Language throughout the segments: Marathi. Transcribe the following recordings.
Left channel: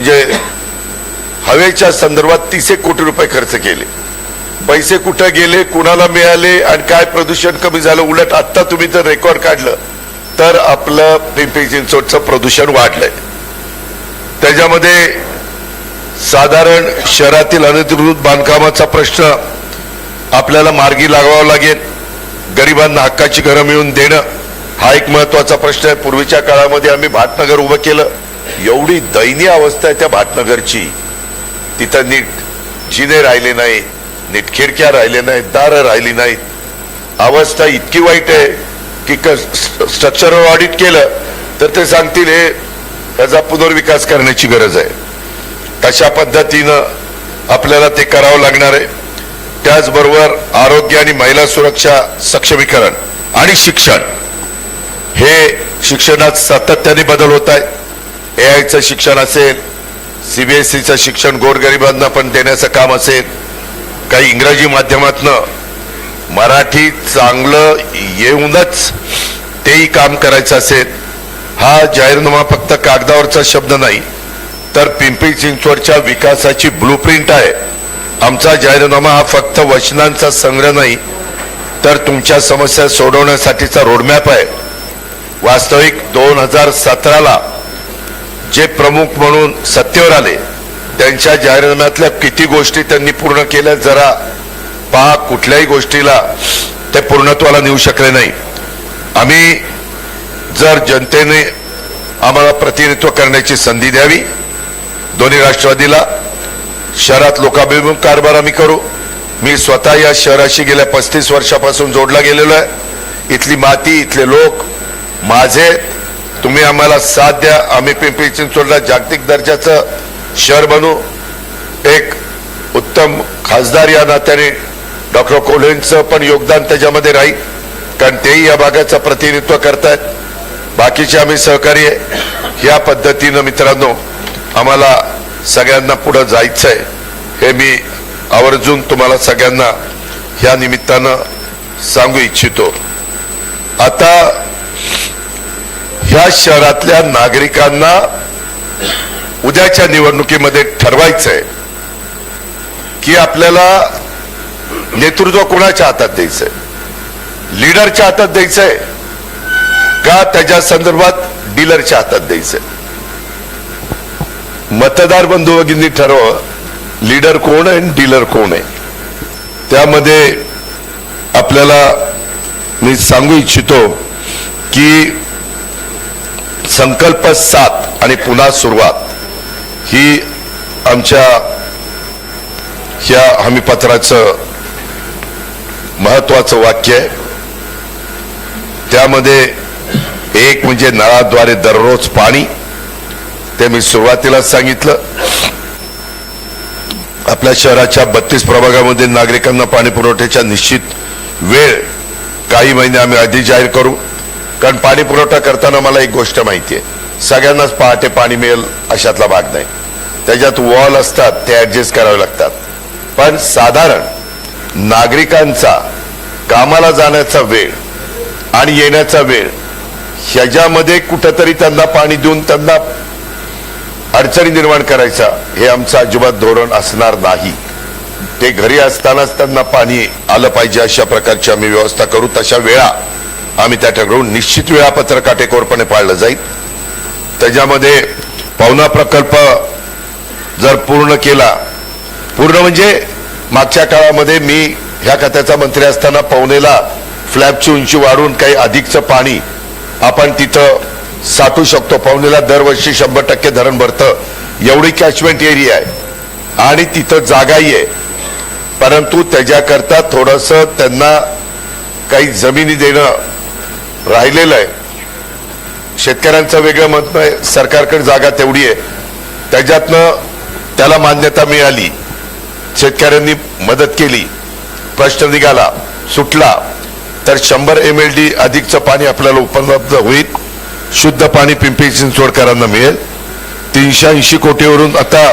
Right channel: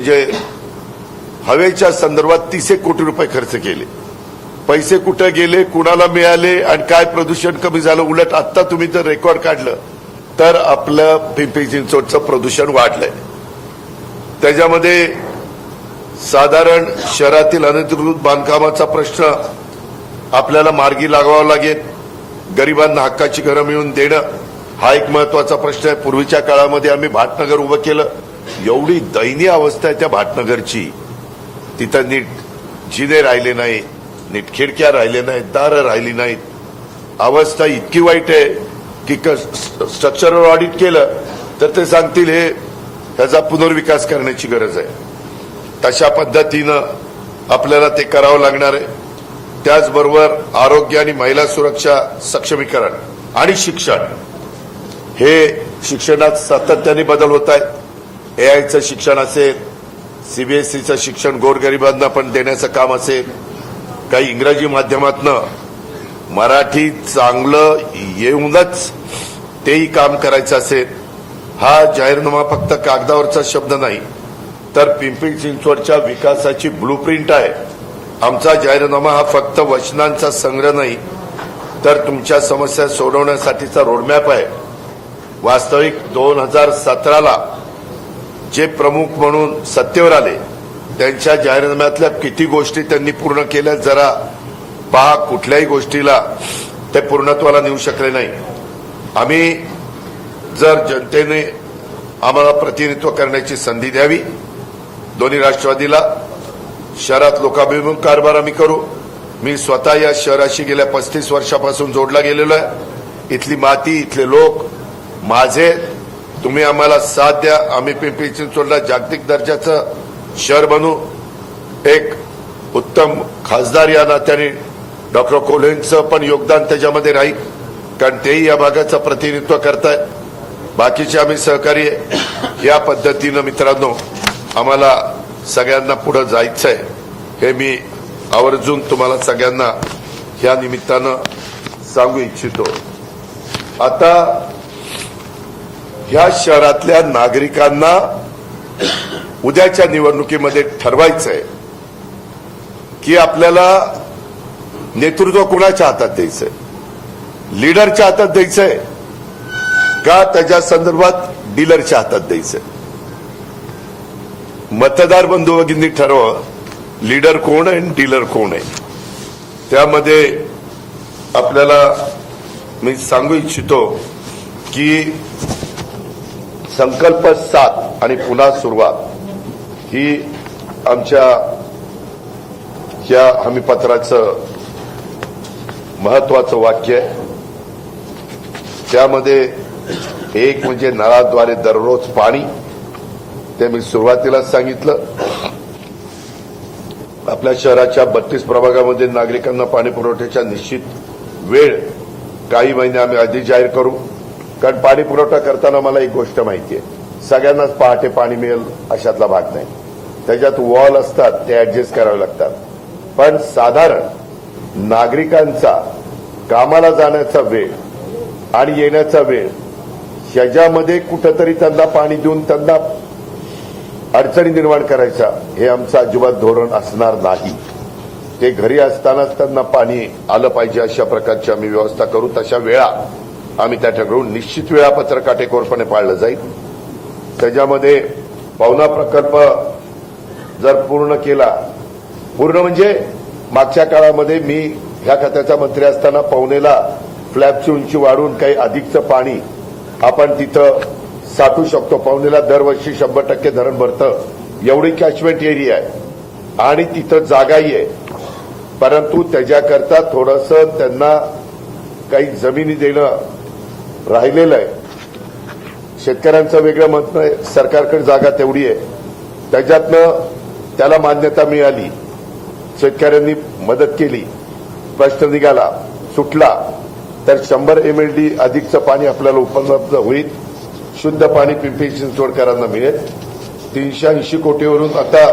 म्हणजे हवेच्या संदर्भात 30 कोटी रुपये खर्च केले. पैसे कुठे गेले, कुणाला मिळाले आणि काय प्रदूषण कमी झालं. उलट आता तुम्ही जर रेकॉर्ड काढलं तर आपलं पिंपरी चिंचवडचं प्रदूषण वाढलंय. त्याच्यामध्ये साधारण शहरातील अनधिकृत बांधकामाचा प्रश्न आपल्याला मार्गी लागावा लागेल. गरिबांना हक्काची घरं मिळवून देणं हा एक महत्वाचा प्रश्न आहे. पूर्वीच्या काळामध्ये आम्ही भाटनगर उभं केलं. एवढी दयनीय अवस्था आहे त्या भाटनगरची. तिथं नीट जिने राहिले नाही, नीट खिडक्या राहिले नाहीत, दारं राहिली नाहीत. अवस्था इतकी वाईट आहे की स्ट्रक्चरल ऑडिट केलं तर ते सांगतील हे त्याचा पुनर्विकास करण्याची गरज आहे. तशा पद्धतीनं आपल्याला ते करावं लागणार आहे. त्याचबरोबर आरोग्य आणि महिला सुरक्षा सक्षमीकरण आणि शिक्षण, हे शिक्षणात सातत्याने बदल होत आहे. एआयचं शिक्षण असेल, सीबीएसईचं शिक्षण गोरगरिबांना पण देण्याचं काम असेल, काही इंग्रजी माध्यमातनं मराठी चांगलं येऊनच तेही काम करायचं असेल. हा जाहीरनामा फक्त कागदावरचा शब्द नाही तर पिंपरी चिंचवडच्या विकासाची ब्लूप्रिंट आहे. आमचा जाहीरनामा हा फक्त वचनांचा संग्रह नाही तर तुमच्या समस्या सोडवण्यासाठीचा रोडमॅप आहे. वास्तविक 2017ला जे प्रमुख म्हणून सत्तेवर आले त्यांच्या जाहीरनाम्यातल्या किती गोष्टी त्यांनी पूर्ण केल्या जरा पहा. कुठल्याही गोष्टीला ते पूर्णत्वाला नेऊ शकले नाही. आम्ही जर जनतेने आम्हाला प्रतिनिधित्व करण्याची संधी द्यावी, दोन्ही राष्ट्रवादीला शहरात लोकाभिमुख कारभार आम्ही करू. मी स्वतः या शहराशी गेल्या 35 वर्षापासून जोडला गेलेलो आहे. इथली माती, इथले लोक माझे. तुम्ही आम्हाला साथ द्या. आम्ही पिंपरी चिंचवडला जागतिक दर्जाचं शहर बनू. एक उत्तम खासदार या नात्याने डॉक्टर कोल्हेंचं पण योगदान त्याच्यामध्ये राहील, कारण तेही या भागाचं प्रतिनिधित्व करतायत. बाकीचे आम्ही सहकारी आहे. या पद्धतीनं मित्रांनो आम्हाला सगळ्यांना पुढे जायचंय हे मी आवर्जून तुम्हाला सगळ्यांना या निमित्तानं सांगू इच्छितो. आता ह्या शहरातल्या नागरिकांना उद्याच्या निवडणुकीमध्ये ठरवायचंय की आपल्याला नेतृत्व कोणाच्या हातात द्यायचंय. लीडरच्या हातात द्यायचंय का त्याच्या संदर्भात डीलरच्या हातात द्यायचंय. मतदार बंधू भगिनी ठरवा लीडर कोण आहे आणि डीलर कोण आहे. त्यामध्ये आपल्याला मी सांगू इच्छितो की संकल्प 7 आणि पुन्हा सुरुवात ही आमच्या या हमीपत्राचं महत्वाचं वाक्य आहे. त्यामध्ये एक म्हणजे नळाद्वारे दररोज पाणी, ते मी सुरुवातीलाच सांगितलं. आपल्या शहराच्या 32 प्रभागामध्ये नागरिकांना पाणी पुरवठ्याच्या निश्चित वेळ काही महिने आम्ही आधी जाहीर करू. कारण पाणी पुरवठा करताना मला एक गोष्ट माहिती आहे, सगळ्यांनाच पहाटे पाणी मिळेल अशातला भाग नाही. त्याच्यात वॉल असतात, ते ऍडजस्ट करावे लागतात. पण साधारण नागरिकांचा कामाला जाण्याचा वेळ आणि येण्याचा वेळ ह्याच्यामध्ये कुठंतरी त्यांना पाणी देऊन त्यांना अडचणी निर्माण करायचा हे आमचं अजिबात धोरण असणार नाही. ते घरी असतानाच त्यांना पाणी आलं पाहिजे अशा प्रकारची आम्ही व्यवस्था करू. तशा वेळा आम्ही त्या ठरवून निश्चित वेळापत्रक काटेकोरपणे पाळलं जाईल. त्याच्यामध्ये पवना प्रकल्प जर पूर्ण केला, पूर्ण म्हणजे मागच्या काळामध्ये मी ह्या खात्याचा मंत्री असताना पवनेला फ्लॅबची उंची वाढवून काही अधिकचं पाणी आपण तिथं साठवू शकतो. पवनेला दरवर्षी 100% धरण भरतं एवढी कॅचमेंट एरिया आहे आणि तिथं जागाही आहे. परंतु त्याच्याकरता थोडंसं त्यांना काही जमिनी देणं राहिलेलं आहे. शेतकऱ्यांचं वेगळं मत नाही, सरकारकडे जागा तेवढी आहे, त्याच्यातनं त्याला मान्यता मिळाली, शेतकऱ्यांनी मदत केली, प्रश्न निघाला, सुटला तर 100 MLD अधिकचं पाणी आपल्याला उपलब्ध होईल. शुद्ध पाणी पिंपरी चिंचवडकरांना मिळेल. 380 कोटीवरून आता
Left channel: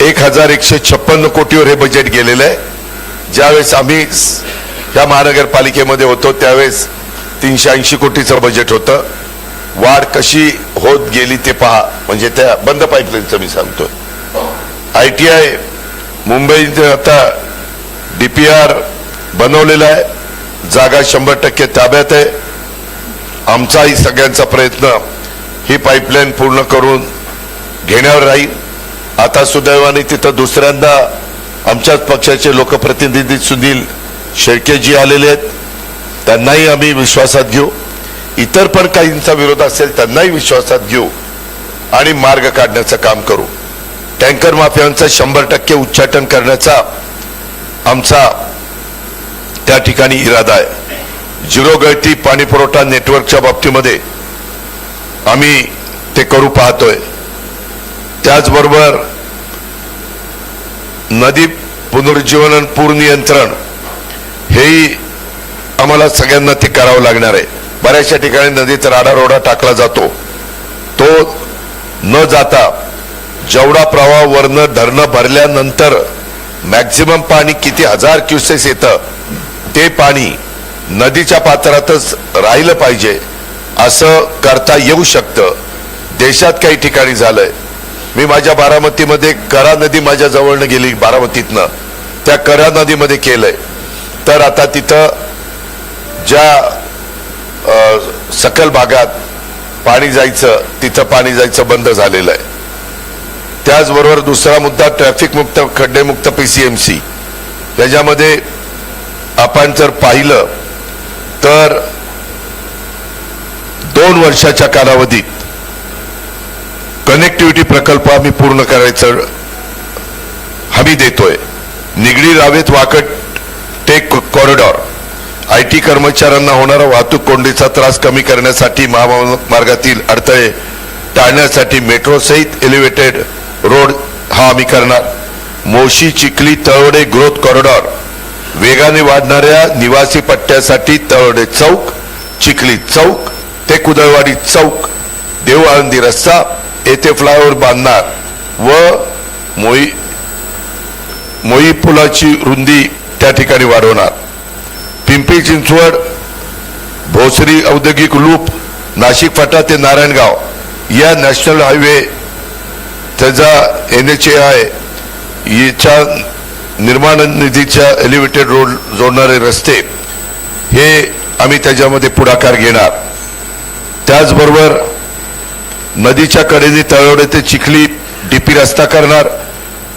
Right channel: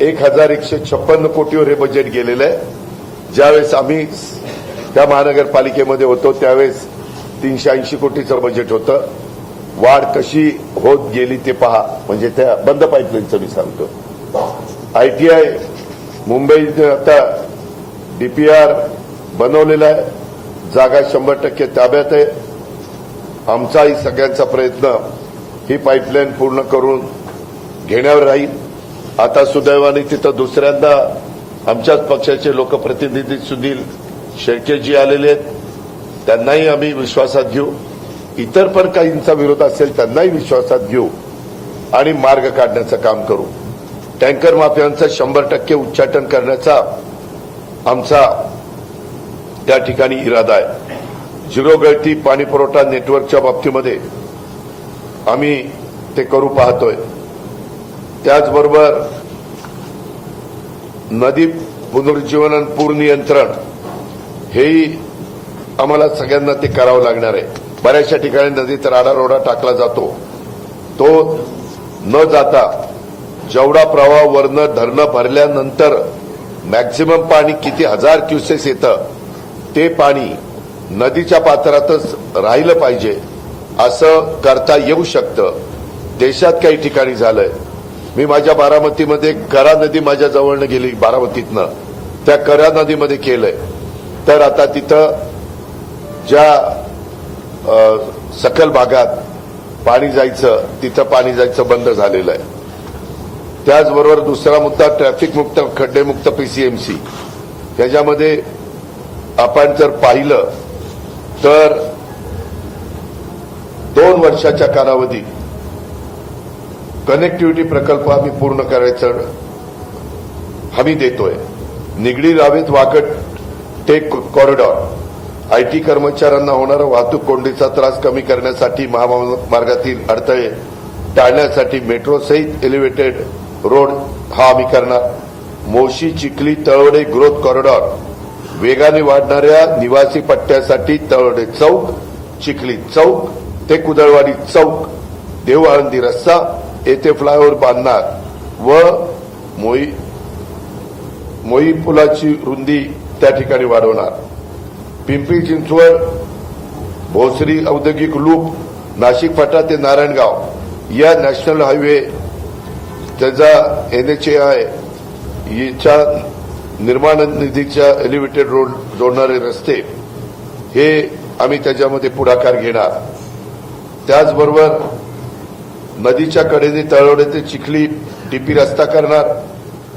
1156 कोटीवर हे बजेट गेलेलं आहे. ज्यावेळेस आम्ही या महानगरपालिकेमध्ये होतो त्यावेळेस 380 कोटीचं बजेट होतं. वाढ कशी होत गेली ते पहा. म्हणजे त्या बंद पाईपलाईनचं मी सांगतोय. ITI मुंबईत आता DPR बनवलेला आहे, जागा 100% ताब्यात आहे. आमचाही सगळ्यांचा प्रयत्न ही पाईपलाईन पूर्ण करून घेण्यावर राहील. आता सुदैवाने तिथं दुसऱ्यांदा आमच्याच पक्षाचे लोकप्रतिनिधी सुनील शेळकेजी आलेले आहेत, त्यांनाही आम्ही विश्वासात घेऊ. इतर पण काहींचा विरोध असेल त्यांनाही विश्वासात घेऊ आणि मार्ग काढण्याचं काम करू. टँकर माफियांचं 100% उच्चाटन करण्याचा आमचा त्या ठिकाणी इरादा आहे. झिरो गळती पाणी पुरवठा नेटवर्कच्या बाबतीमध्ये आम्ही ते करू पाहतोय. त्याचबरोबर नदी पुनरुज्जीवन आणि पूर नियंत्रण हेही आम्हाला सगळ्यांना ते करावं लागणार आहे. बऱ्याचशा ठिकाणी नदीत राडारोडा टाकला जातो, तो न जाता जेवढा प्रवाह वरनं धरणं भरल्यानंतर मॅक्झिमम पाणी किती 1000 क्युसेस येतं ते पाणी नदीच्या पात्रातच राहिलं पाहिजे असं करता येऊ शकतं. देशात काही ठिकाणी झालंय. मी माझ्या बारामतीमध्ये करा नदी माझ्या जवळनं गेली, बारामतीतनं त्या करा नदीमध्ये केलंय. तर आता तिथं ज्या सकल भागात पाणी जायचं तिथं पाणी जायचं बंद झालेलं आहे. त्याचबरोबर दुसरा मुद्दा ट्रॅफिक मुक्त खड्डेमुक्त PCMC. त्याच्यामध्ये आपण जर पाहिलं तर 2 वर्षाच्या कालावधीत कनेक्टिव्हिटी प्रकल्प आम्ही पूर्ण करायचं हमी देतोय. Nigdi Ravet Wakad tech corridor, IT कर्मचाऱ्यांना होणारा वाहतूक कोंडीचा त्रास कमी करण्यासाठी, महामार्गातील अडथळे टाळण्यासाठी मेट्रो सहित एलिव्हेटेड रोड हा आम्ही करणार. मोशी चिखली तळवडे ग्रोथ कॉरिडॉर, वेगाने वाढणाऱ्या निवासी पट्ट्यासाठी तळवडे चौक, चिखली चौक ते कुदळवाडी चौक, देव आळंदी रस्ता येथे फ्लायओव्हर बांधणार व मोई पुलाची रुंदी त्या ठिकाणी वाढवणार. पिंपरी चिंचवड भोसरी औद्योगिक लूप, नाशिक फाटा ते नारायणगाव या नॅशनल हायवे त्याचा NHAI याच्या निर्माण निधीच्या एलिव्हेटेड रोड जोडणारे रस्ते हे आम्ही त्याच्यामध्ये पुढाकार घेणार. त्याचबरोबर नदीच्या कडेने तळवडे ते चिखली DP रस्ता करणार.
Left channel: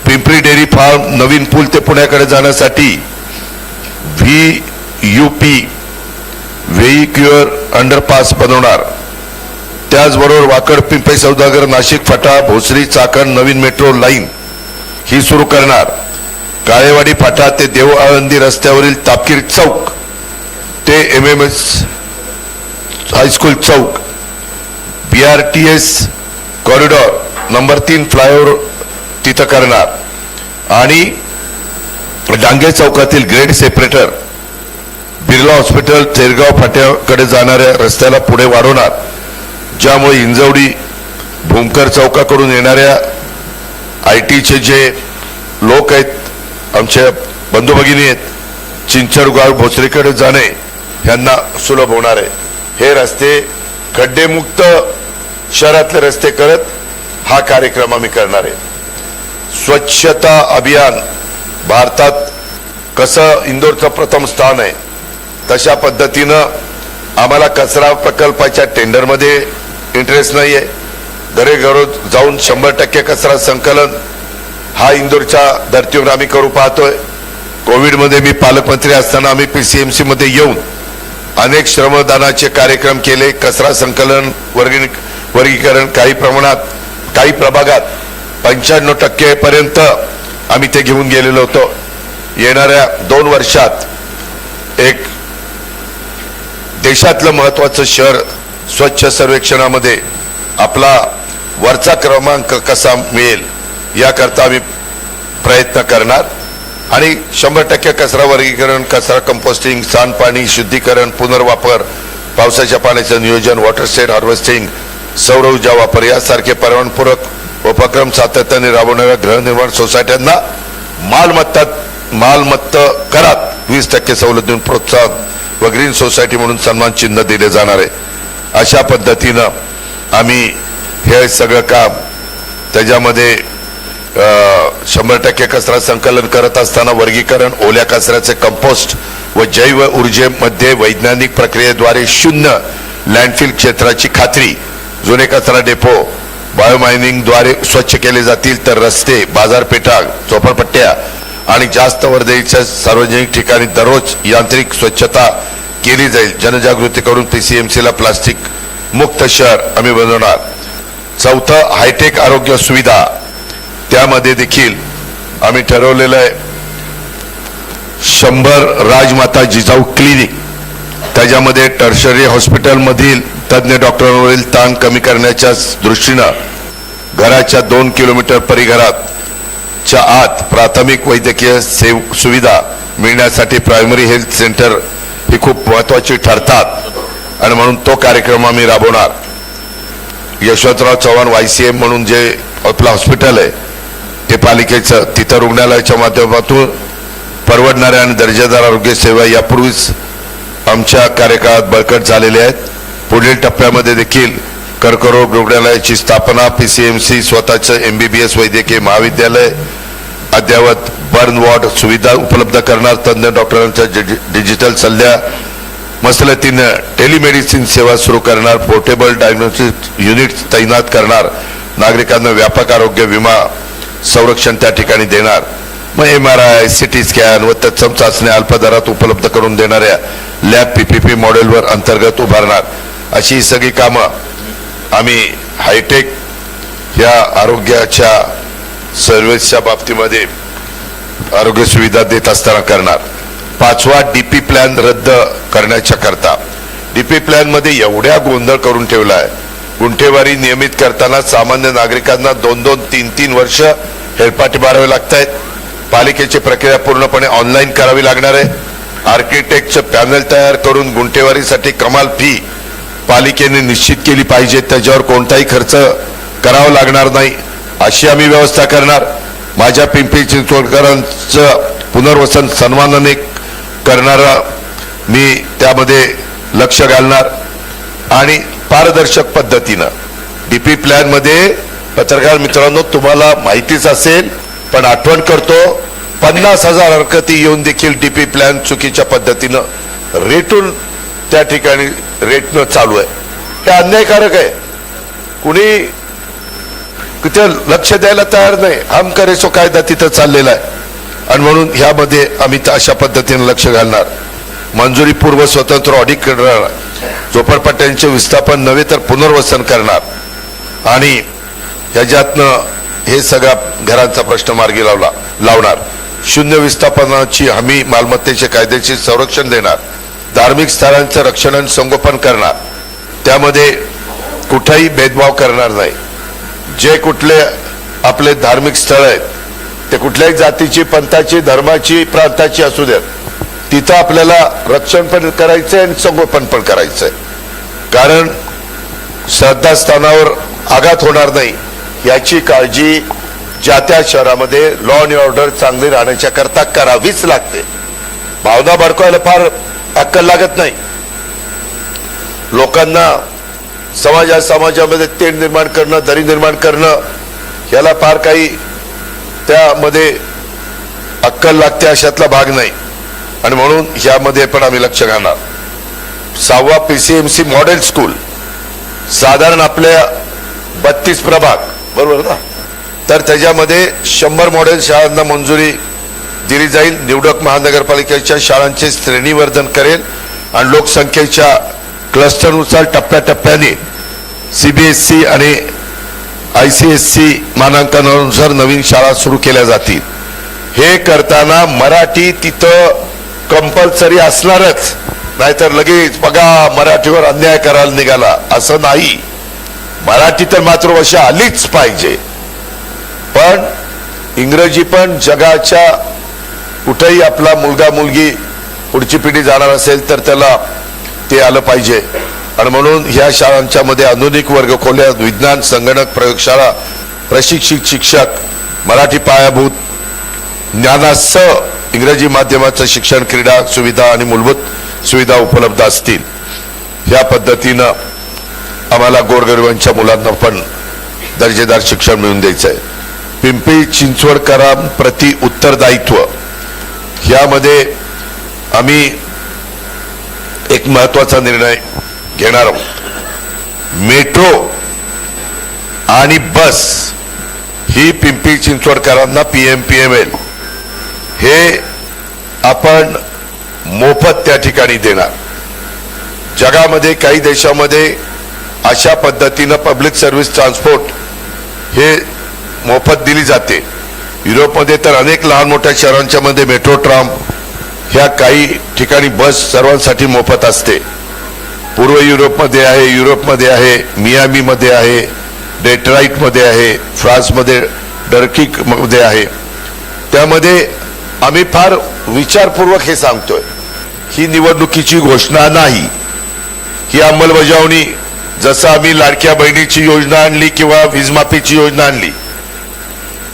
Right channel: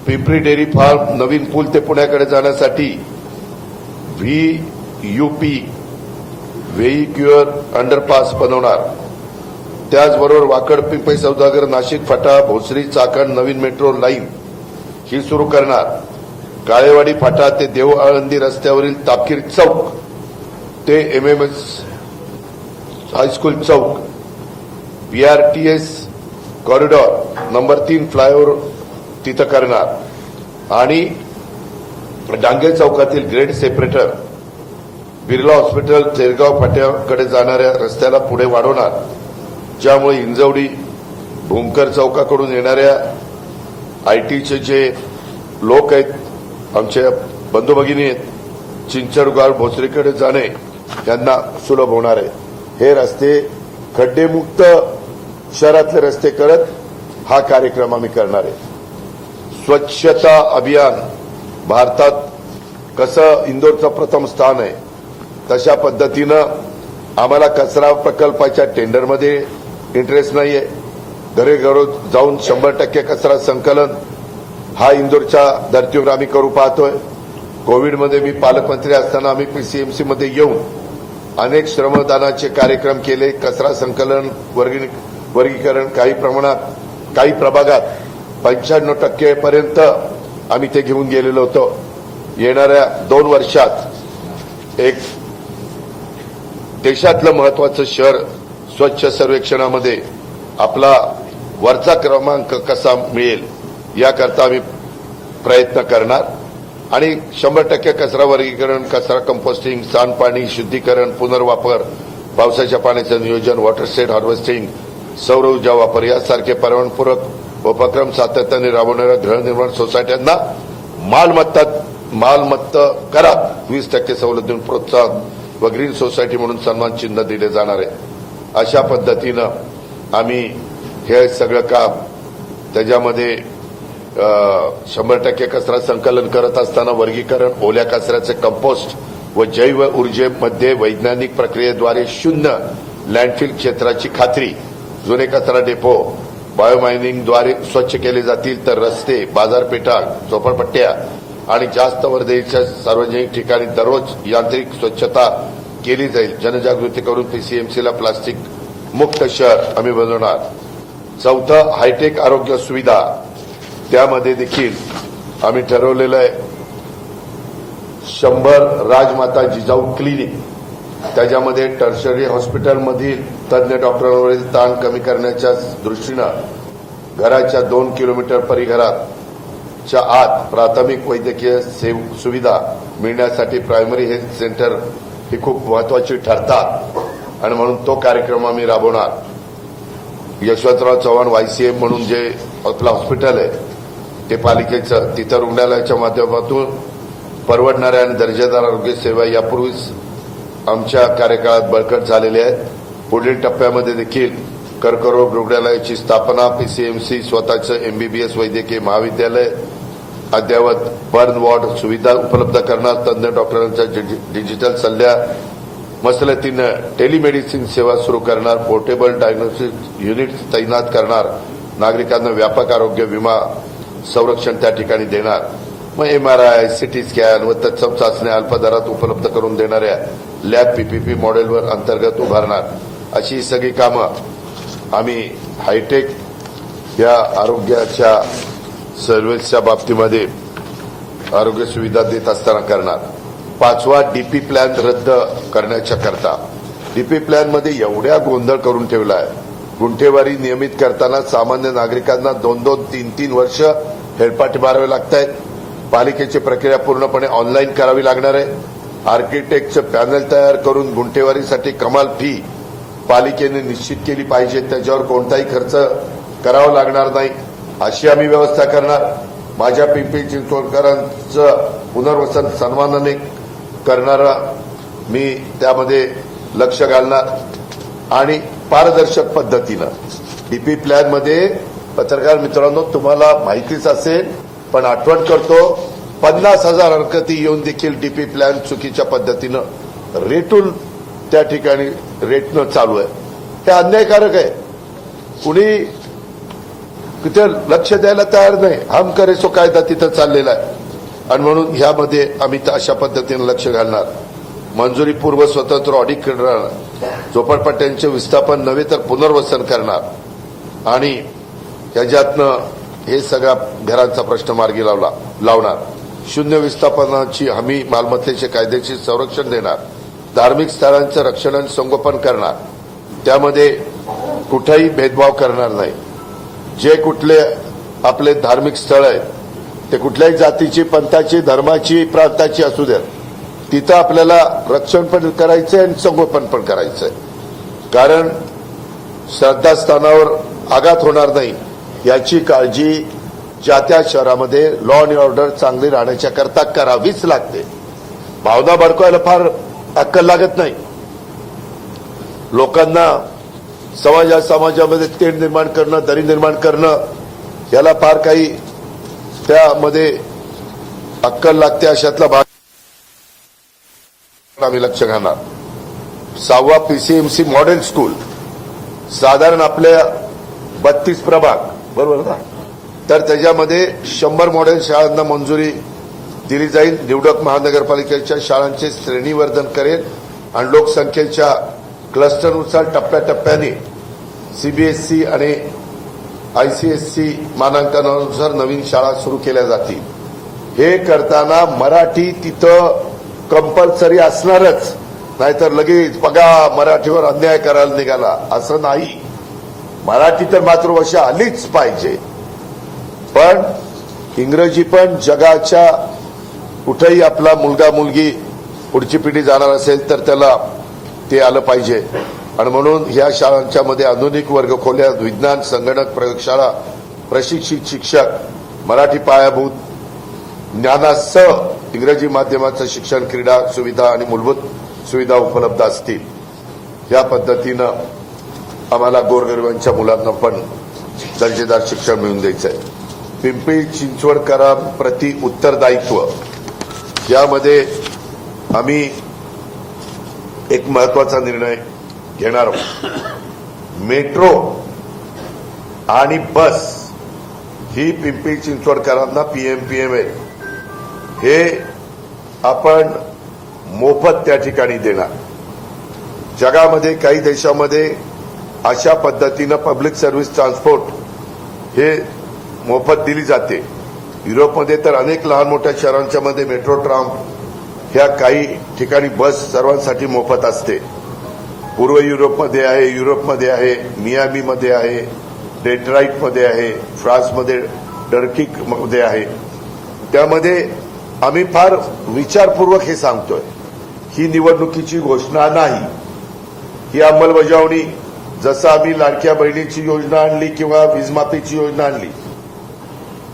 पिंपरी डेअरी फार्म नवीन पूल ते पुण्याकडे जाण्यासाठी VUP व्हेइक्युलर अंडरपास बनवणार. त्याचबरोबर वाकड पिंपरी सौदागर नाशिक फाटा भोसरी चाकण नवीन मेट्रो लाईन ही सुरू करणार. काळेवाडी फाटा ते देव आळंदी रस्त्यावरील तापकीर चौक ते MMS हायस्कूल चौक, BRTS कॉरिडॉर नंबर 3 फ्लायओव्हर तिथं करणार. आणि डांगे चौकातील ग्रेड सेपरेटर बिर्ला हॉस्पिटल तेरगाव फाट्याकडे जाणाऱ्या रस्त्याला पुढे वाढवणार, ज्यामुळे हिंजवडी भूमकर चौकाकडून येणाऱ्या ITचे जे लोक आहेत, आमच्या बंधू भगिनी आहेत, चिंचडगाव भोसरीकडे जाणे यांना सुलभ होणार आहे. हे रस्ते खड्डेमुक्त शहरातले रस्ते करत हा कार्यक्रम आम्ही करणार आहे. स्वच्छता अभियान भारतात कसं इंदोरचं प्रथम स्थान आहे तशा पद्धतीनं आम्हाला कचरा प्रकल्पाच्या टेंडरमध्ये इंटरेस्ट नाही आहे. घरोघर जाऊन 100% कचरा संकलन हा इंदोरच्या धर्तीवर आम्ही करू पाहतोय. कोविडमध्ये मी पालकमंत्री असताना आम्ही PCMC मध्ये येऊन अनेक श्रमदानाचे कार्यक्रम केले. कचरा संकलन वर्गीकरण काही प्रमाणात काही प्रभागात 95% पर्यंत आम्ही ते घेऊन गेलेलो होतो. येणाऱ्या 2 वर्षात एक देशातलं महत्वाचं शहर स्वच्छ सर्वेक्षणामध्ये आपला वरचा क्रमांक कसा मिळेल याकरता आम्ही प्रयत्न करणार. आणि 100% कचरा वर्गीकरण, कचरा कंपोस्टिंग, सांडपाणी शुद्धीकरण, पुनर्वापर, पावसाच्या पाण्याचं नियोजन, वॉटर स्टेट हार्वेस्टिंग, सौर ऊर्जा वापर यासारखे पर्यावरणपूरक उपक्रम सातत्याने राबवणाऱ्या गृहनिर्माण सोसायट्यांना मालमत्ता करात 20% सवलत देऊन प्रोत्साहन व ग्रीन सोसायटी म्हणून सन्मान चिन्ह दिले जाणार आहे. अशा पद्धतीनं आम्ही हे सगळं काम त्याच्यामध्ये 100% कचरा संकलन करत असताना वर्गीकरण, ओल्या कचऱ्याचे कंपोस्ट व जैव ऊर्जेमध्ये वैज्ञानिक प्रक्रियेद्वारे शून्य लँडफिल क्षेत्राची खात्री, जुने कचरा डेपो बायोमायनिंगद्वारे स्वच्छ केले जातील तर रस्ते, बाजारपेठा, झोपडपट्ट्या आणि जास्त वर्दळीच्या सार्वजनिक ठिकाणी दररोज यांत्रिक स्वच्छता केली जाईल. जनजागृती करून PCMC ला प्लास्टिक मुक्त शहर आम्ही बनवणार. चौथं, हायटेक आरोग्य सुविधा, त्यामध्ये देखील आम्ही ठरवलेलं आहे 100 राजमाता जिजाऊ क्लिनिक, त्याच्यामध्ये टर्शरी हॉस्पिटल मधील तज्ञ डॉक्टरांवरील ताण कमी करण्याच्या दृष्टीनं घराच्या 2 किलोमीटर परिघराच्या आत प्राथमिक वैद्यकीय सुविधा मिळण्यासाठी प्रायमरी हेल्थ सेंटर ही खूप महत्वाची ठरतात आणि म्हणून तो कार्यक्रम आम्ही राबवणार. यशवंतराव चव्हाण YCM म्हणून जे आपलं हॉस्पिटल आहे ते पालिकेचं, तिथं रुग्णालयाच्या माध्यमातून परवडणाऱ्या आणि दर्जेदार आरोग्य सेवा यापूर्वीच आमच्या कार्यकाळात बळकट झालेल्या आहेत. पुढील टप्प्यामध्ये देखील कर्करोग रुग्णालयाची स्थापना, PCMC स्वतःचं MBBS वैद्यकीय महाविद्यालय, अद्ययावत बर्न वॉर्ड सुविधा उपलब्ध करणार, तज्ञ डॉक्टरांच्या डिजिटल सल्ल्या मसलतीनं टेलिमेडिसिन सेवा सुरू करणार, पोर्टेबल डायग्नोस्टिक युनिट तैनात करणार, नागरिकांना व्यापक आरोग्य विमा संरक्षण त्या ठिकाणी देणार. मग MRI, CT स्कॅन व तत्सम चाचण्या अल्प दरात उपलब्ध करून देणाऱ्या लॅब PPP मॉडेलवर अंतर्गत उभारणार. अशी ही सगळी कामं आम्ही हायटेक या आरोग्याच्या सर्व्हिसच्या बाबतीमध्ये आरोग्य सुविधा देत असताना करणार. पाचवा, DP प्लॅन रद्द करण्याच्या करता. DP प्लॅन मध्ये एवढ्या गोंधळ करून ठेवला आहे. गुंठेवारी नियमित करताना सामान्य नागरिकांना 2-2, 3-3 वर्ष हेलपाटे मारावे लागत आहेत. पालिकेची प्रक्रिया पूर्णपणे ऑनलाईन करावी लागणार आहे. आर्किटेक्टचं पॅनल तयार करून गुंठेवारीसाठी कमाल फी पालिकेने निश्चित केली पाहिजे, त्याच्यावर कोणताही खर्च करावा लागणार नाही अशी आम्ही व्यवस्था करणार. माझ्या पिंपरी चिंचवडकरांचं पुनर्वसन सन्मानाने करणारा मी त्यामध्ये लक्ष घालणार. आणि पारदर्शक पद्धतीनं DP प्लॅन मध्ये, पत्रकार मित्रांनो तुम्हाला माहितीच असेल पण आठवण करतो, 50,000 हरकती येऊन देखील DP प्लॅन चुकीच्या पद्धतीनं रेटून त्या ठिकाणी रेटनं चालू आहे. हे अन्यायकारक आहे. कुणी तिथे लक्ष द्यायला तयार नाही. हम करे सो कायदा तिथं चाललेला आहे आणि म्हणून ह्यामध्ये आम्ही अशा पद्धतीने लक्ष घालणार. मंजुरी पूर्व स्वतंत्र ऑडिट करणार, झोपडपट्ट्यांचे विस्थापन नव्हे तर पुनर्वसन करणार आणि ह्याच्यातनं हे सगळा घरांचा प्रश्न मार्गी लावणार. शून्य विस्थापनाची हमी, मालमत्तेचे कायदेशीर संरक्षण देणार, धार्मिक स्थळांचं रक्षण आणि संगोपन करणार. त्यामध्ये कुठेही भेदभाव करणार नाही. जे कुठले आपले धार्मिक स्थळ आहेत ते कुठल्याही जातीची, पंथाची, धर्माची, प्रांताची असू द्यात, तिथं आपल्याला रक्षण पण करायचंय आणि संगोपन पण करायचंय. कारण श्रद्धास्थानावर आघात होणार नाही याची काळजी ज्या त्या शहरामध्ये लॉ अँड ऑर्डर चांगली राहण्याच्या करता करावीच लागते. भावना भडकवायला फार अक्कल लागत नाही. लोकांना समाजामध्ये तेढ निर्माण करणं, दरी निर्माण करणं, याला फार काही त्यामध्ये अक्कल लागते अशातला भाग नाही आणि म्हणून यामध्ये पण आम्ही लक्ष घालणार. 6वा, PCMC मॉडेल स्कूल, साधारण आपल्या 32 प्रभाग बरोबर ना, तर त्याच्यामध्ये 100 मॉडेल शाळांना मंजुरी दिली जाईल. निवडक महानगरपालिकेच्या शाळांचे श्रेणीवर्धन करेल आणि लोकसंख्येच्या क्लस्टरनुसार टप्प्याटप्प्याने CBSE आणि ICSE मानांकनानुसार नवीन शाळा सुरू केल्या जातील. हे करताना मराठी तिथं कंपल्सरी असणारच, नाहीतर लगेच बघा मराठीवर अन्याय करायला निघाला असं नाही. मराठी तर मातृभाषा आलीच पाहिजे, पण इंग्रजी पण जगाच्या कुठेही आपला मुलगा मुलगी पुढची पिढी जाणार असेल तर त्याला ते आलं पाहिजे. आणि म्हणून ह्या शाळांच्या मध्ये आधुनिक वर्ग खोल्या, विज्ञान, संगणक, प्रयोगशाळा, प्रशिक्षित शिक्षक, मराठी पायाभूत ज्ञानासह इंग्रजी माध्यमाचं शिक्षण, क्रीडा सुविधा आणि मूलभूत सुविधा उपलब्ध असतील. या पद्धतीनं आम्हाला गोरगरिबांच्या मुलांना पण दर्जेदार शिक्षण मिळवून द्यायचं आहे. पिंपरी चिंचवडकरांप्रती उत्तरदायित्व यामध्ये आम्ही एक महत्वाचा निर्णय घेणार आहोत. मेट्रो आणि बस ही पिंपरी चिंचवडकरांना PMPML हे आपण मोफत त्या ठिकाणी देणार. जगामध्ये काही देशामध्ये अशा पद्धतीनं पब्लिक सर्व्हिस ट्रान्सपोर्ट हे मोफत दिली जाते. युरोपमध्ये तर अनेक लहान मोठ्या शहरांच्या मध्ये मेट्रो ट्राम ह्या काही ठिकाणी बस सर्वांसाठी मोफत असते. पूर्व युरोपमध्ये आहे, युरोपमध्ये आहे, मियामी मध्ये आहे, डेट्रॉइट मध्ये आहे, फ्रान्समध्ये डर्किक मध्ये आहे. त्यामध्ये आम्ही फार विचारपूर्वक हे सांगतोय. ही निवडणुकीची घोषणा नाही, ही अंमलबजावणी जसं आम्ही लाडक्या बहिणीची योजना आणली किंवा वीजमाफीची योजना आणली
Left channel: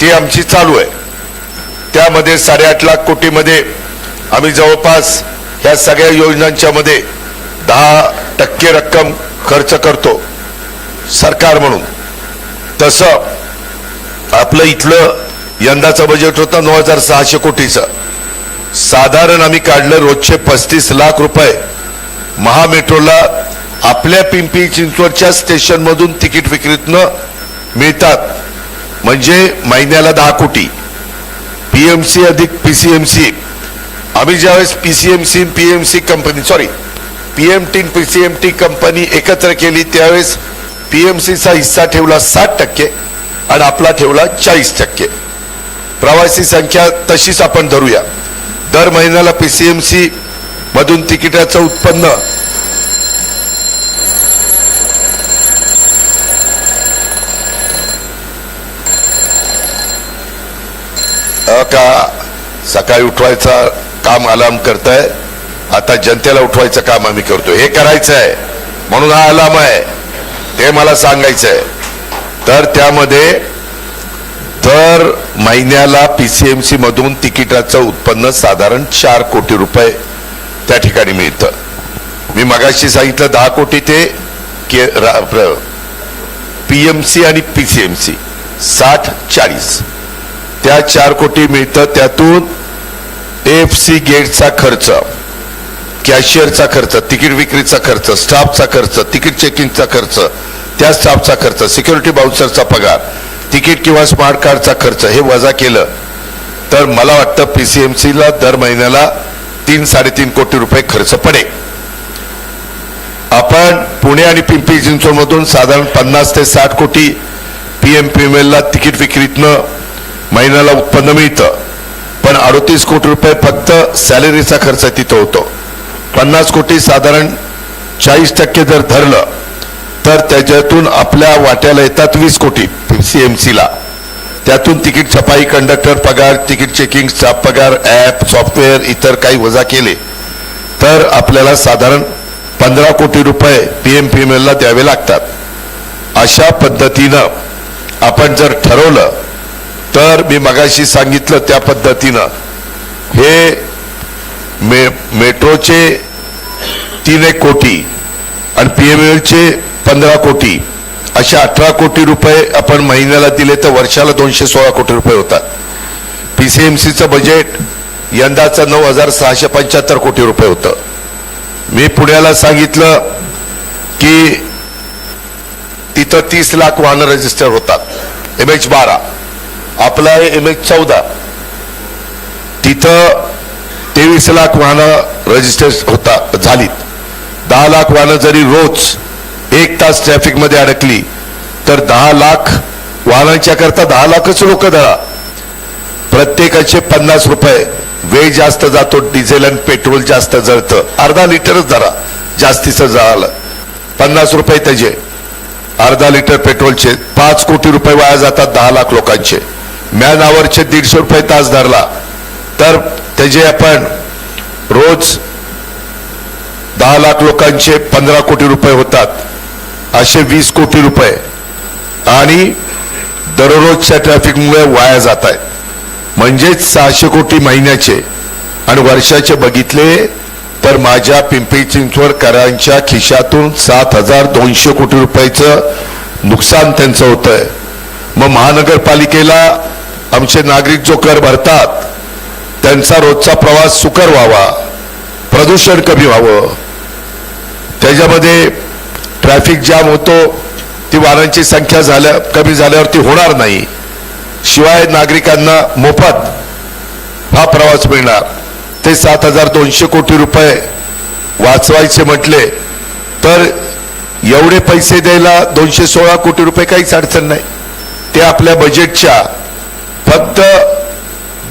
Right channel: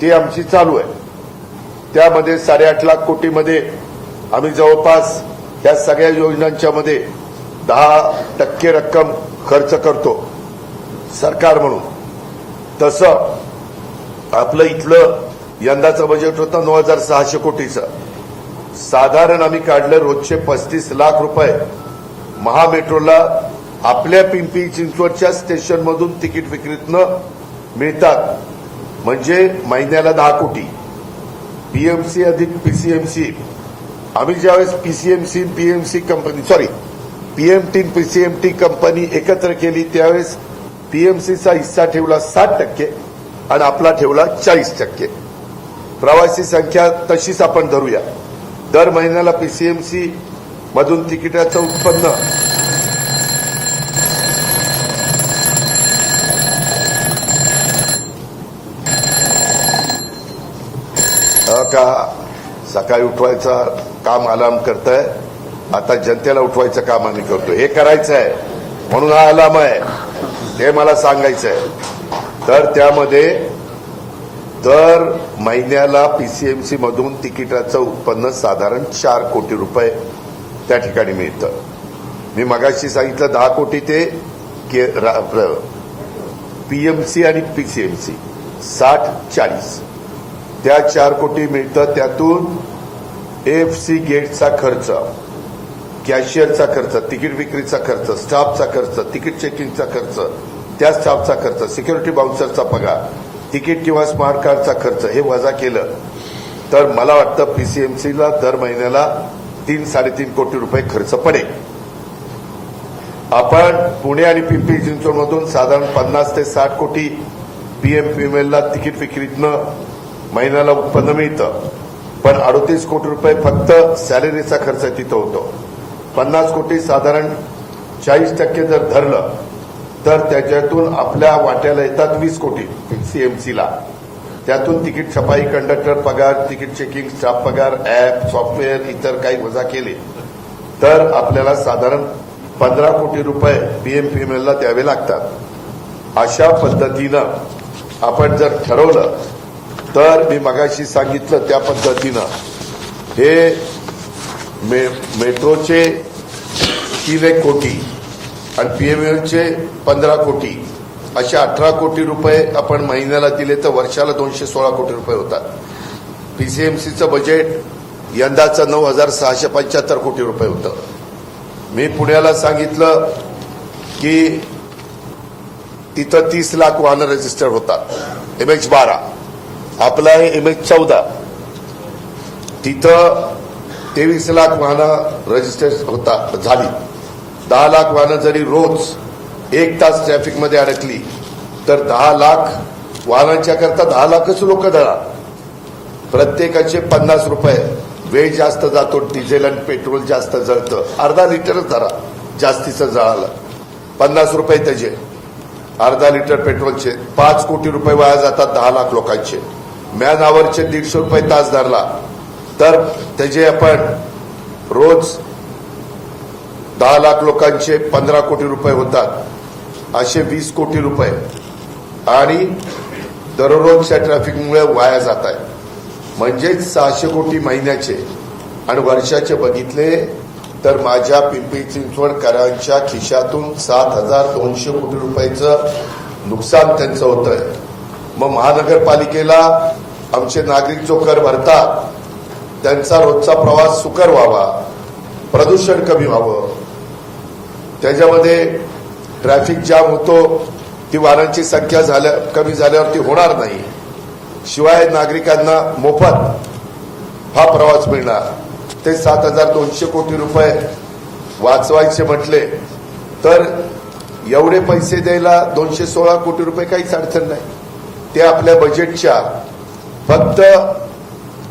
ती आमची चालू आहे. त्यामध्ये 8.5 लाख कोटीमध्ये आम्ही जवळपास ह्या सगळ्या योजनांच्या मध्ये 10% रक्कम खर्च करतो सरकार म्हणून. तसं आपलं इथलं यंदाचं बजेट होतं 9,600 कोटीचं. साधारण आम्ही काढलं रोजचे 35 लाख रुपये महामेट्रोला आपल्या पिंपरी चिंचवडच्या स्टेशन मधून तिकीट विक्रीतनं मिळतात. म्हणजे महिन्याला 10 कोटी. PMC अधिक PCMC आम्ही ज्यावेळेस PCMC PMC company PMT PCMT company एकत्र केली त्यावेळेस PMCचा हिस्सा ठेवला 60% आणि आपला ठेवला 40%. प्रवासी संख्या तशीच आपण धरूया. दर महिन्याला PCMC मधून तिकिटाचं उत्पन्न का सकाळी उठवायचा काम अलार्म करताय, आता जनतेला उठवायचं काम आम्ही करतो. हे करायचं आहे म्हणून हा अलार्म आहे ते मला सांगायचं आहे. तर त्यामध्ये दर महिन्याला PCMC मधून तिकिटाचं उत्पन्न साधारण 4 कोटी रुपये त्या ठिकाणी मिळतं. मी मगाशी सांगितलं 10 कोटी ते PMC आणि PCMC 60-40 त्या 4 कोटी मिळतं. त्यातून AFC गेटचा खर्च, कॅशियरचा खर्च, तिकीट विक्रीचा खर्च, स्टाफचा खर्च, तिकीट चेकिंगचा खर्च, त्या स्टाफचा खर्च, सिक्युरिटी बाउन्सरचा पगार, तिकीट किंवा स्मार्ट कार्डचा खर्च हे वजा केलं तर मला वाटतं PCMC ला दर महिन्याला 3-3.5 कोटी रुपये खर्च पडेल. आपण पुणे आणि पिंपरी चिंचवड मधून साधारण 50 ते 60 कोटी PMPML ला तिकीट विक्रीतनं महिन्याला उत्पन्न मिळतं. पण 38 कोटी रुपये फक्त सॅलरीचा खर्च तिथं होतो. 50 कोटी साधारण 40% जर धरलं तर त्याच्यातून आपल्या वाट्याला येतात 20 कोटी PCMC ला. त्यातून तिकीट छपाई, कंडक्टर पगार, तिकीट चेकिंग, स्टाफ पगार, ऍप, सॉफ्टवेअर, इतर काही वजा केले तर आपल्याला साधारण 15 कोटी रुपये PMPML ला द्यावे लागतात. अशा पद्धतीनं आपण जर ठरवलं तर मी मगाशी सांगितलं त्या पद्धतीनं हे मेट्रोचे 3 कोटी आणि PMPMLचे 15 कोटी अशा 18 कोटी रुपये आपण महिन्याला दिले तर वर्षाला 216 कोटी रुपये होतात. PCMCचं बजेट यंदाचं 9,675 कोटी रुपये होतं. मी पुण्याला सांगितलं की तिथं 30 लाख वाहनं रजिस्टर होतात, MH12, आपला आहे MH14. तिथं 23 लाख वाहनं रजिस्टर झालीत. 10 लाख वाहनं जरी रोज 1 तास ट्रॅफिक मध्ये अडकली तर 10 लाख वाहनांच्या करता 10 लाखच लोक धरा. प्रत्येकाचे 50 रुपये. वेळ जास्त जातो, डिझेल आणि पेट्रोल जास्त जळतं, अर्धा लिटरच धरा जास्तीचं जळालं, 50 रुपये त्याचे. अर्धा लिटर पेट्रोलचे 5 कोटी रुपये वाया जातात 10 लाख लोकांचे. मॅन आवरचे 150 रुपये तास धरला तर त्याचे आपण रोज 10 लाख लोकांचे 15 कोटी रुपये होतात, असे 20 कोटी रुपये आणि दररोजच्या ट्रॅफिकमुळे वाया जात आहेत. म्हणजेच 600 कोटी महिन्याचे आणि वर्षाचे बघितले तर माझ्या पिंपरी चिंचवडकरांच्या खिशातून 7,200 कोटी रुपयाचं नुकसान त्यांचं होतंय. मग महानगरपालिकेला आमचे नागरिक जो कर भरतात त्यांचा रोजचा प्रवास सुकर व्हावा, प्रदूषण कमी व्हावं, त्याच्यामध्ये ट्रॅफिक जाम होतो ती वाहनांची संख्या कमी झाल्यावरती होणार नाही. शिवाय नागरिकांना मोफत हा प्रवास मिळणार. ते 7,200 कोटी रुपये वाचवायचे म्हटले तर एवढे पैसे द्यायला 216 कोटी रुपये काहीच अडचण नाही. ते आपल्या बजेटच्या फक्त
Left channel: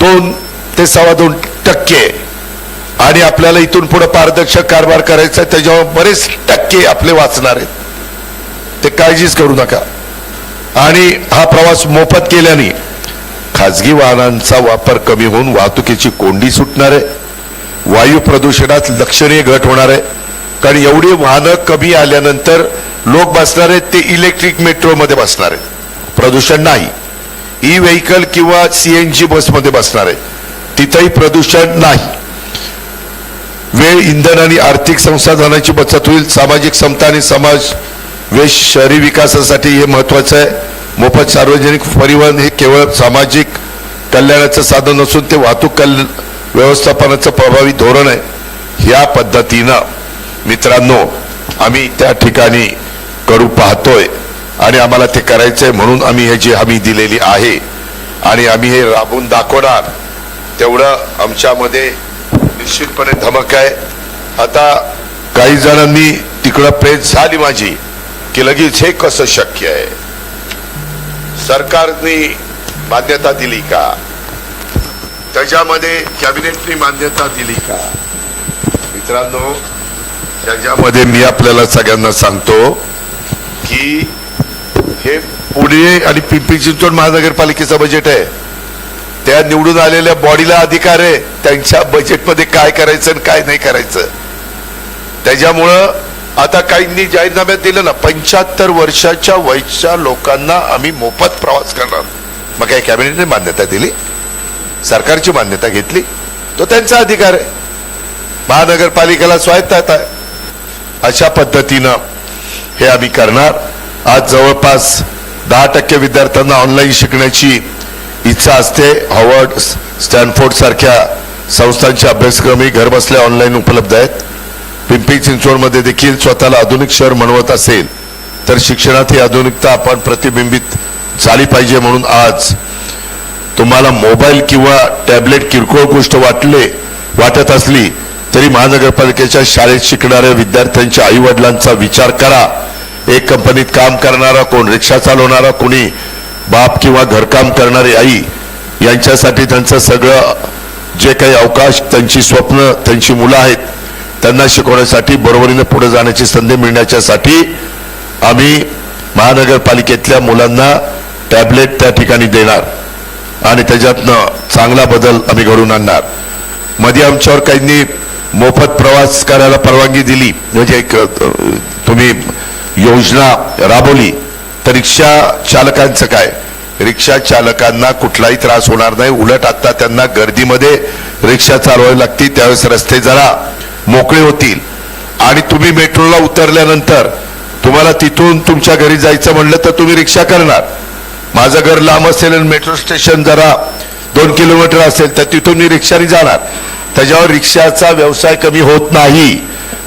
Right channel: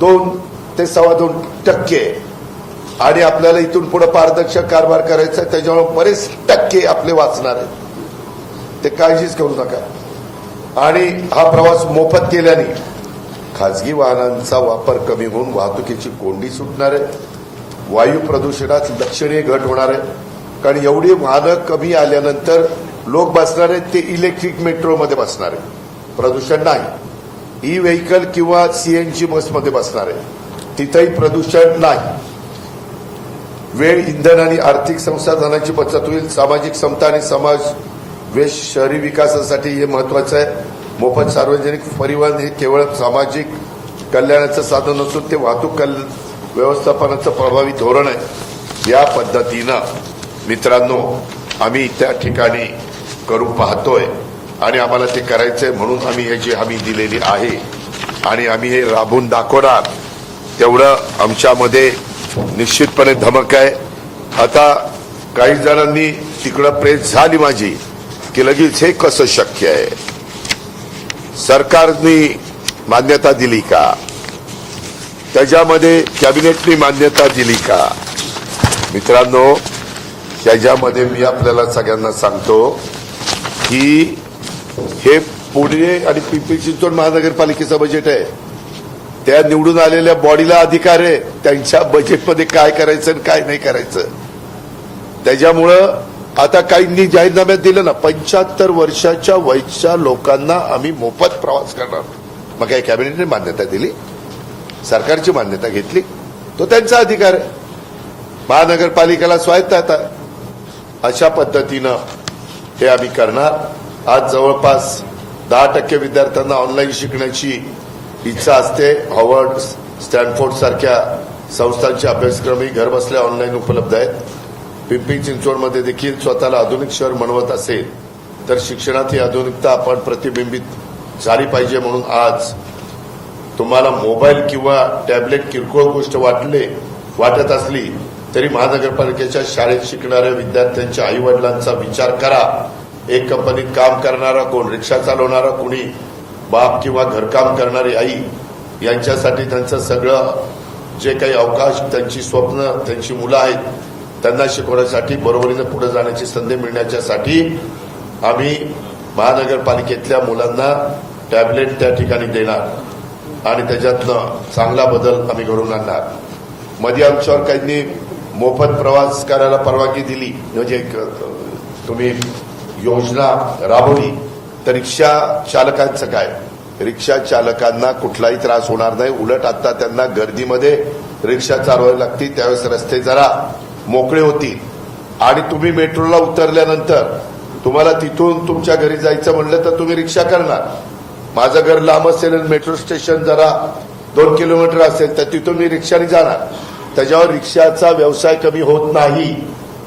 2 ते 2.25% आणि आपल्याला इथून पुढे पारदर्शक कारभार करायचा त्याच्यावर बरेच टक्के आपले वाचणार आहेत. ते काळजीच करू नका. आणि हा प्रवास मोफत केल्याने खाजगी वाहनांचा वापर कमी होऊन वाहतुकीची कोंडी सुटणार आहे. वायू प्रदूषणात लक्षणीय घट होणार आहे. कारण एवढी वाहनं कमी आल्यानंतर लोक बसणार आहेत ते इलेक्ट्रिक मेट्रोमध्ये बसणार आहेत, प्रदूषण नाही. ई व्हेकल किंवा CNG बसमध्ये बसणार आहे, तिथेही प्रदूषण नाही. वेळ, इंधन आणि आर्थिक संसाधनाची बचत होईल. सामाजिक समता आणि समाज शहरी विकासासाठी हे महत्वाचं आहे. मोफत सार्वजनिक परिवहन हे केवळ सामाजिक कल्याणाचं साधन नसून ते वाहतूक व्यवस्थापनाचं प्रभावी धोरण आहे. या पद्धतीनं मित्रांनो आम्ही त्या ठिकाणी करू पाहतोय आणि आम्हाला ते करायचंय म्हणून आम्ही ह्याची हमी दिलेली आहे आणि आम्ही हे राबवून दाखवणार. तेवढं आमच्यामध्ये निश्चितपणे धमक आहे. आता काही जणांनी तिकडं प्रेस झाली माझी की लगेच हे कसं शक्य आहे, सरकारने मान्यता दिली का, त्याच्यामध्ये कॅबिनेटने मान्यता दिली का. मित्रांनो त्याच्यामध्ये मी आपल्याला सगळ्यांना सांगतो की हे पुणे आणि पिंपरी चिंचवड महानगरपालिकेचं बजेट आहे. त्या निवडून आलेल्या बॉडीला अधिकार आहे त्यांच्या बजेटमध्ये काय करायचं आणि काय नाही करायचं. त्याच्यामुळं आता काहींनी जाहीरनाम्यात दिलं ना 75 वर्षाच्या वयच्या लोकांना आम्ही मोफत प्रवास करणार. मग काय कॅबिनेटने मान्यता दिली, सरकारची मान्यता घेतली, तो त्यांचा अधिकार आहे. महानगरपालिकेला स्वायत्तता आहे. अशा पद्धतीनं हे आम्ही करणार. आज जवळपास 10% विद्यार्थ्यांना ऑनलाईन शिकण्याची इच्छा असते. हार्वर्ड, स्टॅनफोर्ड सारख्या संस्थांचे अभ्यासक्रमही घर बसल्या ऑनलाईन उपलब्ध आहेत. पिंपरी चिंचवडमध्ये देखील स्वतःला आधुनिक शहर म्हणवत असेल तर शिक्षणात ही आधुनिकता आपण प्रतिबिंबित झाली पाहिजे. म्हणून आज तुम्हाला मोबाईल किंवा टॅबलेट किरकोळ गोष्ट वाटत असली तरी महानगरपालिकेच्या शाळेत शिकणाऱ्या विद्यार्थ्यांच्या आई वडिलांचा विचार करा. एक कंपनीत काम करणारा, कोण रिक्षा चालवणारा, कोणी बाप किंवा घरकाम करणारी आई, यांच्यासाठी त्यांचं सगळं जे काही अवकाश, त्यांची स्वप्न, त्यांची मुलं आहेत त्यांना शिकवण्यासाठी, बरोबरीने पुढे जाण्याची संधी मिळण्याच्यासाठी आम्ही महानगरपालिकेतल्या मुलांना टॅबलेट त्या ठिकाणी देणार आणि त्याच्यातनं चांगला बदल आम्ही घडवून आणणार. मध्ये आमच्यावर काहींनी मोफत प्रवास करायला परवानगी दिली, म्हणजे तुम्ही योजना राबवली, तर रिक्षा चालकांचं काय, रिक्षा चालकांना कुठलाही त्रास होणार नाही. उलट आता त्यांना गर्दीमध्ये रिक्षा चालवावी लागते, त्यावेळेस रस्ते जरा मोकळे होतील. आणि तुम्ही मेट्रोला उतरल्यानंतर तुम्हाला तिथून तुमच्या घरी जायचं म्हणलं तर तुम्ही रिक्षा करणार. माझं घर लांब असेल आणि मेट्रो स्टेशन जरा 2 किलोमीटर असेल तर तिथून मी रिक्षाने जाणार. त्याच्यावर रिक्षाचा व्यवसाय कमी होत नाही.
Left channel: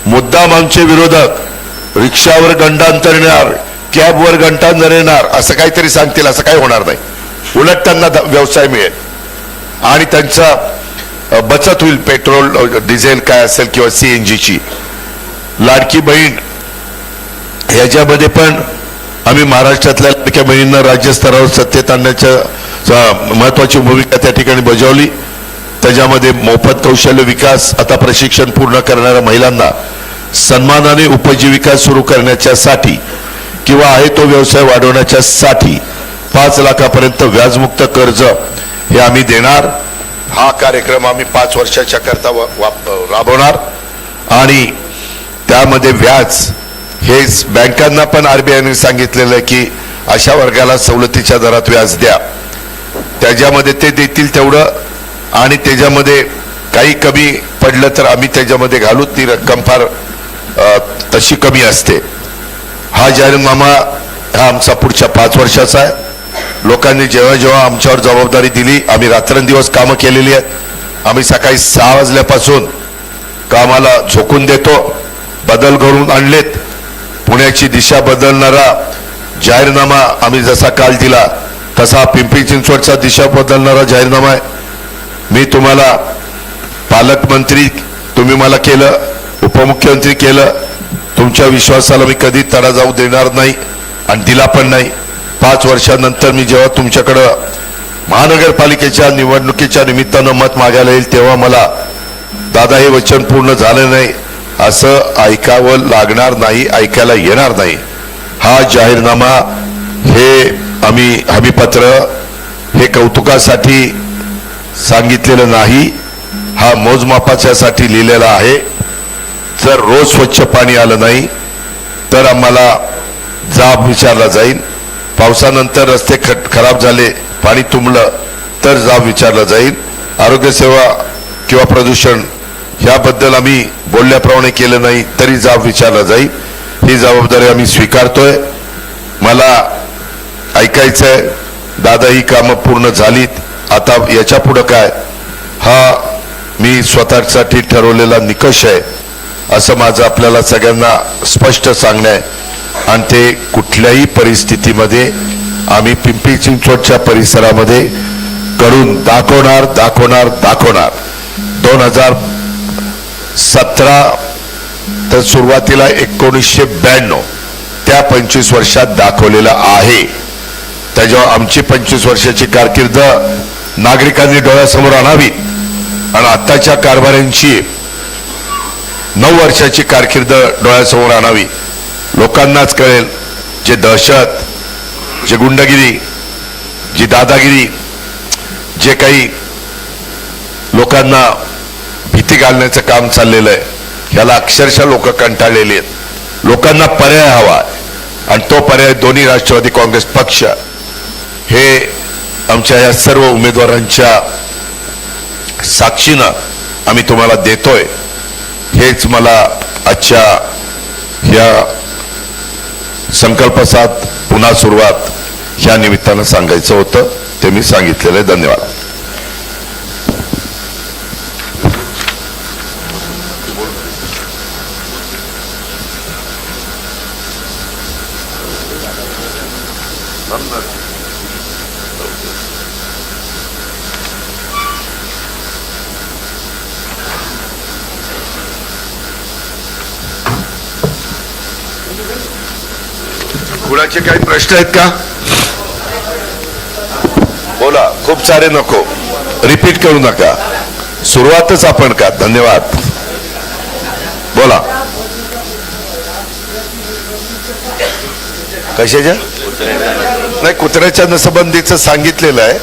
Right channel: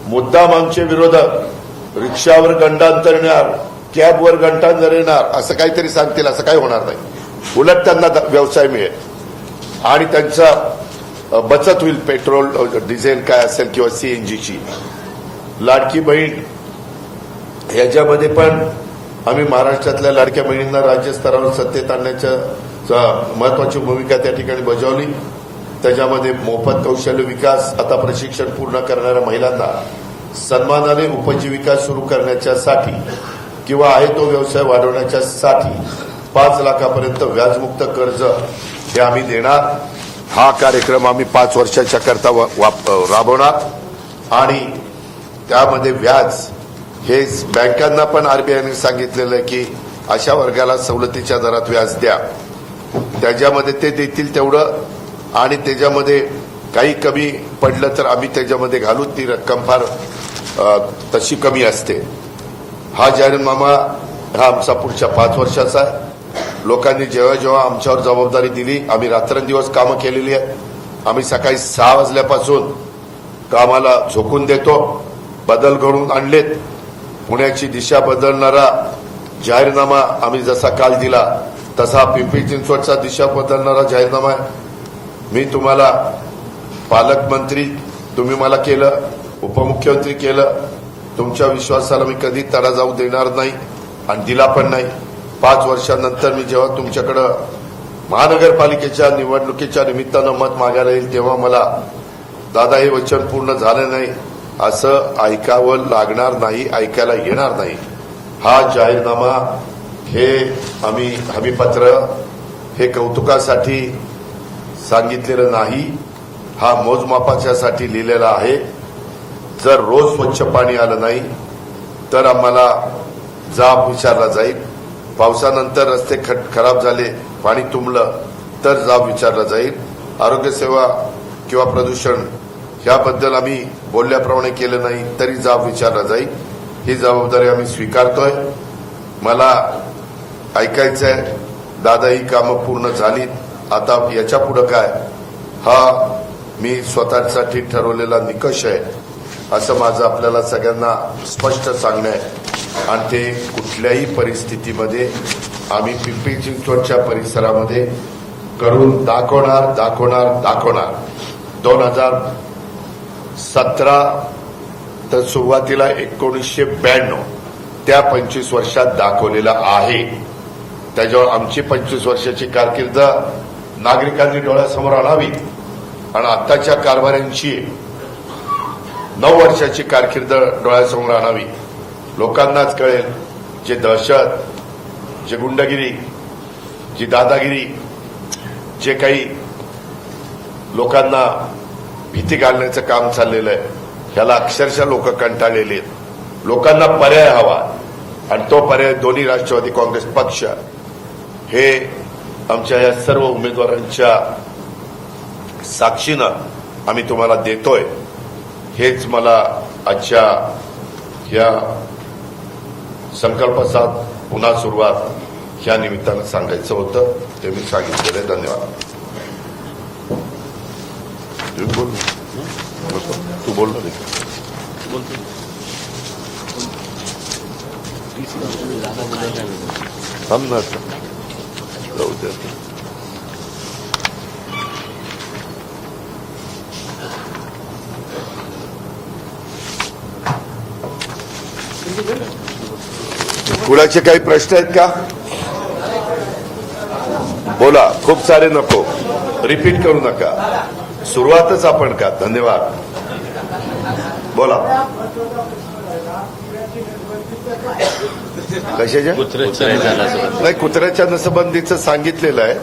मुद्दाम आमचे विरोधक रिक्षावर गंडांतर येणार, कॅबवर गंडांतर येणार असं काहीतरी सांगतील. असं काही होणार नाही. उलट त्यांना व्यवसाय मिळेल आणि त्यांचा बचत होईल. पेट्रोल, डिझेल काय असेल किंवा CNGची. लाडकी बहीण ह्याच्यामध्ये पण आम्ही महाराष्ट्रातल्या लाडक्या बहिणींना राज्यस्तरावर सत्तेत आणण्याच्या महत्वाची भूमिका त्या ठिकाणी बजावली. त्याच्यामध्ये मोफत कौशल्य विकास, आता प्रशिक्षण पूर्ण करणाऱ्या महिलांना सन्मानाने उपजीविका सुरू करण्याच्यासाठी किंवा आहे तो व्यवसाय वाढवण्याच्यासाठी 5 लाखापर्यंत व्याजमुक्त कर्ज हे आम्ही देणार. हा कार्यक्रम आम्ही 5 वर्षाच्या करता राबवणार आणि त्यामध्ये व्याज हे बँकांना पण RBIने सांगितलेलं आहे की अशा वर्गाला सवलतीच्या दरात व्याज द्या. त्याच्यामध्ये ते देतील तेवढं आणि त्याच्यामध्ये काही कमी पडलं तर आम्ही त्याच्यामध्ये घालू, ती रक्कम फार तशी कमी असते. हा जाहीरनामा हा आमचा पुढच्या 5 वर्षाचा आहे. लोकांनी जेव्हा जेव्हा आमच्यावर जबाबदारी दिली, आम्ही रात्रंदिवस कामं केलेली आहेत. आम्ही सकाळी 6 वाजल्यापासून कामाला झोकून देतो. बदल घडवून आणलेत. पुण्याची दिशा बदलणारा जाहीरनामा आम्ही जसा काल दिला तसा पिंपरी चिंचवडचा दिशा बदलणारा जाहीरनामा आहे. मी तुम्हाला पालकमंत्री, तुम्ही मला केलं, उपमुख्यमंत्री केलं. तुमच्या विश्वासाला मी कधी तडा जाऊ देणार नाही आणि दिला पण नाही. 5 वर्षानंतर मी जेव्हा तुमच्याकडं महानगरपालिकेच्या निवडणुकीच्या निमित्तानं मत मागायला येईल तेव्हा मला दादा हे वचन पूर्ण झालं नाही असं ऐकावं लागणार नाही, ऐकायला येणार नाही. हा जाहीरनामा, हे आम्ही हमीपत्र हे कौतुकासाठी सांगितलेलं नाही, हा मोजमापाच्यासाठी लिहिलेला आहे. जर रोज स्वच्छ पाणी आलं नाही तर आम्हाला जाब विचारला जाईल. पावसानंतर रस्ते खराब झाले, पाणी तुंबलं तर जाब विचारला जाईल. आरोग्यसेवा किंवा प्रदूषण याबद्दल आम्ही बोलल्याप्रमाणे केलं नाही तरी जाब विचारला जाईल. ही जबाबदारी आम्ही स्वीकारतोय. मला ऐकायचंय दादा ही कामं पूर्ण झालीत, आता याच्या पुढं काय, हा मी स्वतःसाठी ठरवलेला निकष आहे असं माझं आपल्याला सगळ्यांना स्पष्ट सांगणं आहे. आणि ते कुठल्याही परिस्थितीमध्ये आम्ही पिंपरी चिंचवडच्या परिसरामध्ये करून दाखवणार दाखवणार दाखवणार. 2017 तर सुरुवातीला 1992 त्या 25 वर्षात दाखवलेलं आहे. त्याच्यावर आमची 25 वर्षाची कारकीर्द नागरिकांनी डोळ्यासमोर आणावी आणि आताच्या कारभाऱ्यांची 9 वर्षाची कारकीर्द डोळ्यासमोर आणावी. लोकांनाच कळेल जे दहशत, जे गुंडगिरी, जी दादागिरी, जे काही लोकांना भीती घालण्याचं काम चाललेलं आहे, याला अक्षरशः लोक कंटाळलेले आहेत. लोकांना पर्याय हवा आणि तो पर्याय दोन्ही राष्ट्रवादी काँग्रेस पक्ष हे आमच्या या सर्व उमेदवारांच्या साक्षीनं आम्ही तुम्हाला देतोय. हेच मला आजच्या या संकल्पसात पुन्हा सुरुवात या निमित्तानं सांगायचं होतं, ते मी सांगितलेलं आहे. धन्यवाद. कुणाचे काही प्रश्न आहेत का? बोला. खूप सारे नको, रिपीट करू नका, सुरुवातच आपण का. धन्यवाद. बोला. कशाच्या? नाही, कुत्र्याच्या नसबंदीचं सांगितलेलं आहे.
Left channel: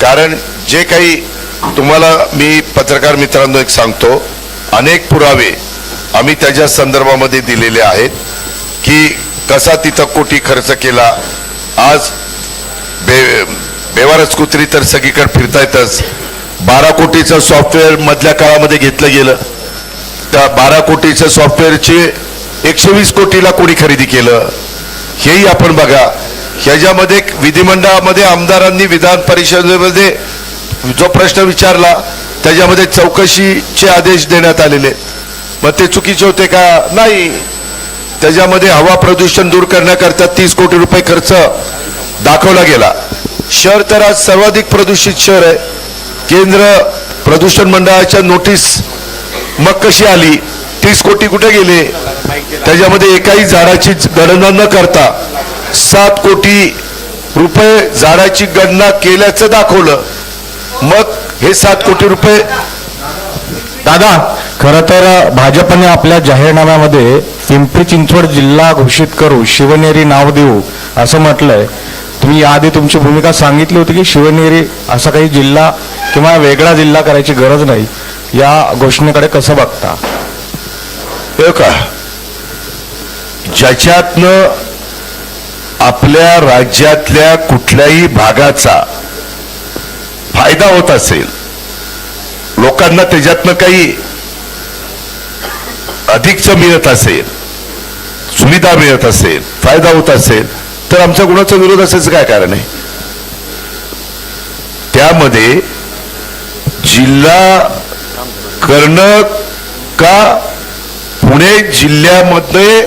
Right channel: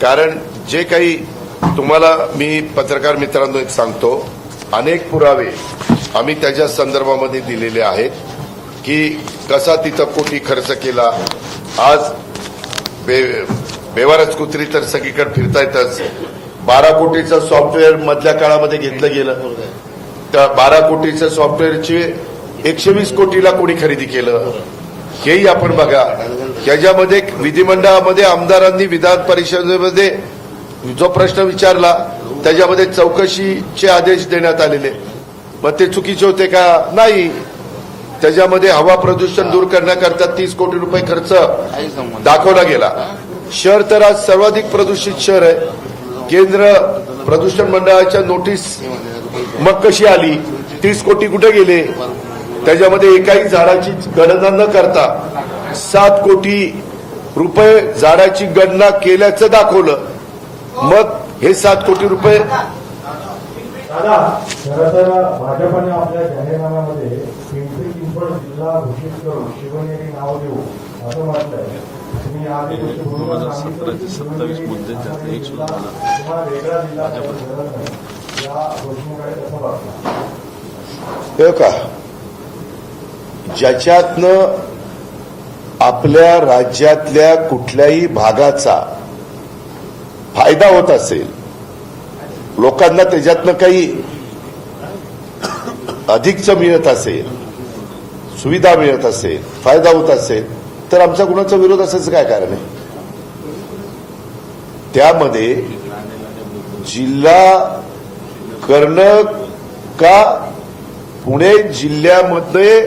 कारण जे काही तुम्हाला मी पत्रकार मित्रांनो एक सांगतो, अनेक पुरावे आम्ही त्याच्या संदर्भामध्ये दिलेले आहेत की कसा तिथं कोटी खर्च केला. आज बेवारस कुत्री तर सगळीकडे फिरतायतच. 12 कोटीचं सॉफ्टवेअर मधल्या काळामध्ये घेतलं गेलं. त्या 12 कोटीचं सॉफ्टवेअरचे 120 कोटीला कोणी खरेदी केलं हेही आपण बघा. ह्याच्यामध्ये विधिमंडळामध्ये आमदारांनी विधान परिषदेमध्ये जो प्रश्न विचारला त्याच्यामध्ये चौकशीचे आदेश देण्यात आलेले. मग ते चुकीचे होते का? नाही. त्याच्यामध्ये हवा प्रदूषण दूर करण्याकरता 30 कोटी रुपये खर्च दाखवला गेला. शहर तर आज सर्वाधिक प्रदूषित शहर आहे. केंद्र प्रदूषण मंडळाच्या नोटीस मग कशी आली? 30 कोटी कुठे गेले? त्याच्यामध्ये एकाही झाडाची गणना न करता 7 कोटी रुपये झाडाची गणना केल्याचं दाखवलं. मग हे 7 कोटी रुपये. दादा, खरं तर भाजपने आपल्या जाहीरनाम्यामध्ये पिंपरी चिंचवड जिल्हा घोषित करू, शिवनेरी नाव देऊ असं म्हटलंय. तुम्ही याआधी तुमची भूमिका सांगितली होती की शिवनेरी असा काही जिल्हा किंवा वेगळा जिल्हा करायची गरज नाही. या घोषणेकडे कसं बघता? हे का, ज्याच्यातनं आपल्या राज्यातल्या कुठल्याही भागाचा फायदा होत असेल लोकांना त्याच्यातनं काही अधिकच मिळत असेल, सुविधा मिळत असेल, फायदा होत असेल, तर आमचा कुणाचा विरोध असायचं काय कारण आहे? त्यामध्ये जिल्हा करणं का पुणे जिल्ह्यामध्ये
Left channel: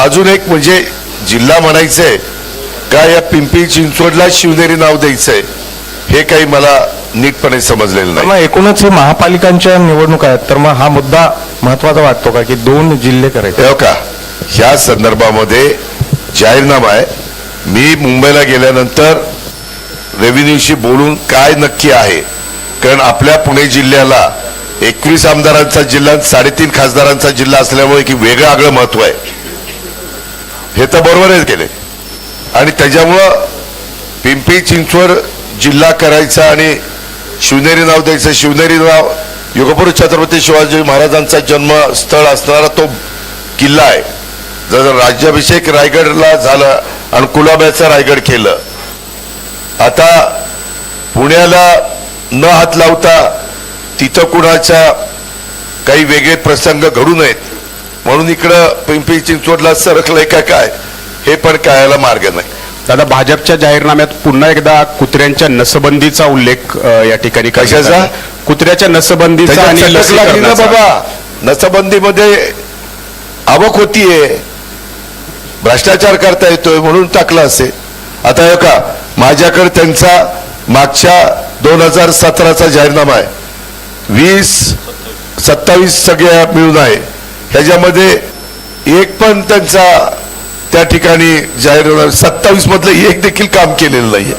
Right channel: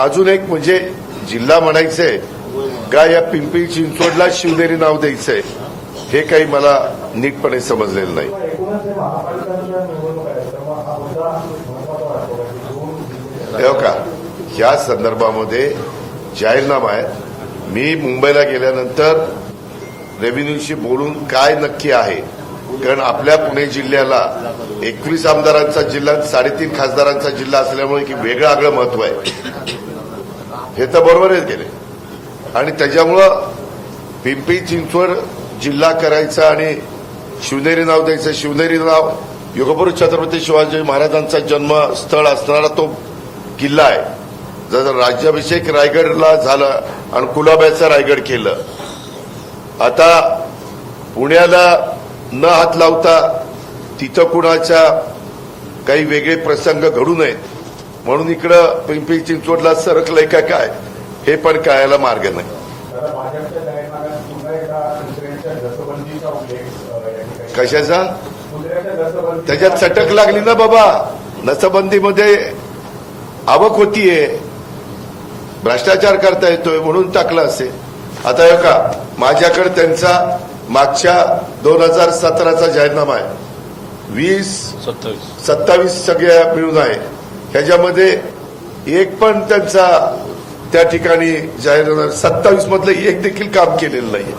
अजून एक म्हणजे जिल्हा म्हणायचंय का या पिंपरी चिंचवडला शिवनेरी नाव द्यायचंय हे काही मला नीटपणे समजलेलं नाही. मग एकूणच हे महापालिकांच्या निवडणूक आहेत, तर मग हा मुद्दा महत्वाचा वाटतो का की 2 जिल्हे करायचे? हो का? ह्या संदर्भामध्ये जाहीरनामा आहे. मी मुंबईला गेल्यानंतर रेव्हेन्यूशी बोलून काय नक्की आहे, कारण आपल्या पुणे जिल्ह्याला 21 आमदारांचा जिल्हा, 3.5 खासदारांचा जिल्हा असल्यामुळे की वेगळं आगळं महत्व आहे, हे तर बरोबरच केले. आणि त्याच्यामुळं पिंपरी चिंचवड जिल्हा करायचा आणि शिवनेरी नाव द्यायचं. शिवनेरी नाव युगपुरुष छत्रपती शिवाजी महाराजांचा जन्मस्थळ असणारा तो किल्ला आहे. जर राज्याभिषेक रायगडला झाला आणि कुलाब्याचं रायगड केलं, आता पुण्याला न हात लावता तिथं कुणाच्या काही वेगळे प्रसंग घडू नयेत म्हणून इकडं पिंपरी चिंचवडला सरकलंय काय हे पण कळायला मार्ग नाही. दादा, भाजपच्या जाहीरनाम्यात पुन्हा एकदा कुत्र्यांच्या नसबंदीचा उल्लेख या ठिकाणी करण्यात कशाचा? आला. कुत्र्याच्या नसबंदीचा त्याच्यात आणि चटक लागली ना लसीकरणाचा. बाबा. नसबंदीमध्ये आवक होतीये, भ्रष्टाचार करता येतोय म्हणून टाकला असेल. आता हे का माझ्याकडे त्यांचा मागच्या 2017चा जाहीरनामा आहे, 27 सगळ्या मिळून आहे. ह्याच्यामध्ये एक पण त्यांचा त्या ठिकाणी जाहीरनामा 27 मधलं एक देखील काम केलेलं नाहीये,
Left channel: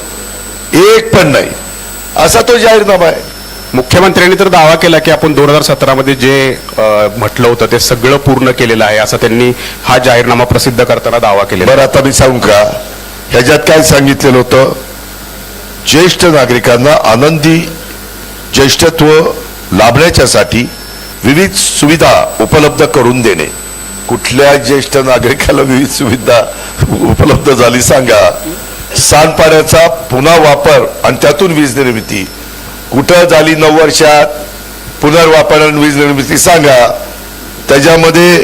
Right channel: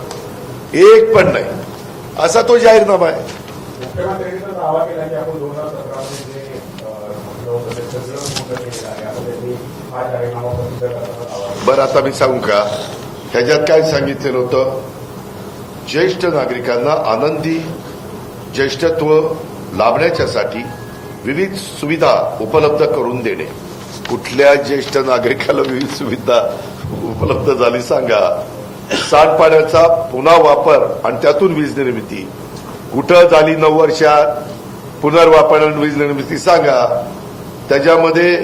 एक पण नाही, असा तो जाहीरनामा आहे. मुख्यमंत्र्यांनी तर दावा केला की आपण 2017 मध्ये जे म्हटलं होतं ते सगळं पूर्ण केलेलं आहे, असा त्यांनी हा जाहीरनामा प्रसिद्ध करताना दावा केलेला. बरं, आता मी सांगू का ह्याच्यात काय सांगितलेलं होतं? ज्येष्ठ नागरिकांना आनंदी ज्येष्ठत्व लाभण्याच्यासाठी विविध सुविधा उपलब्ध करून देणे. कुठल्या ज्येष्ठ नागरिकाला विविध सुविधा उपलब्ध झाली सांगा? सांडपाण्याचा पुन्हा वापर आणि त्यातून वीज निर्मिती कुठं झाली? 9 वर्षात पुनर्वापर आणि वीज निर्मिती सांगा? त्याच्यामध्ये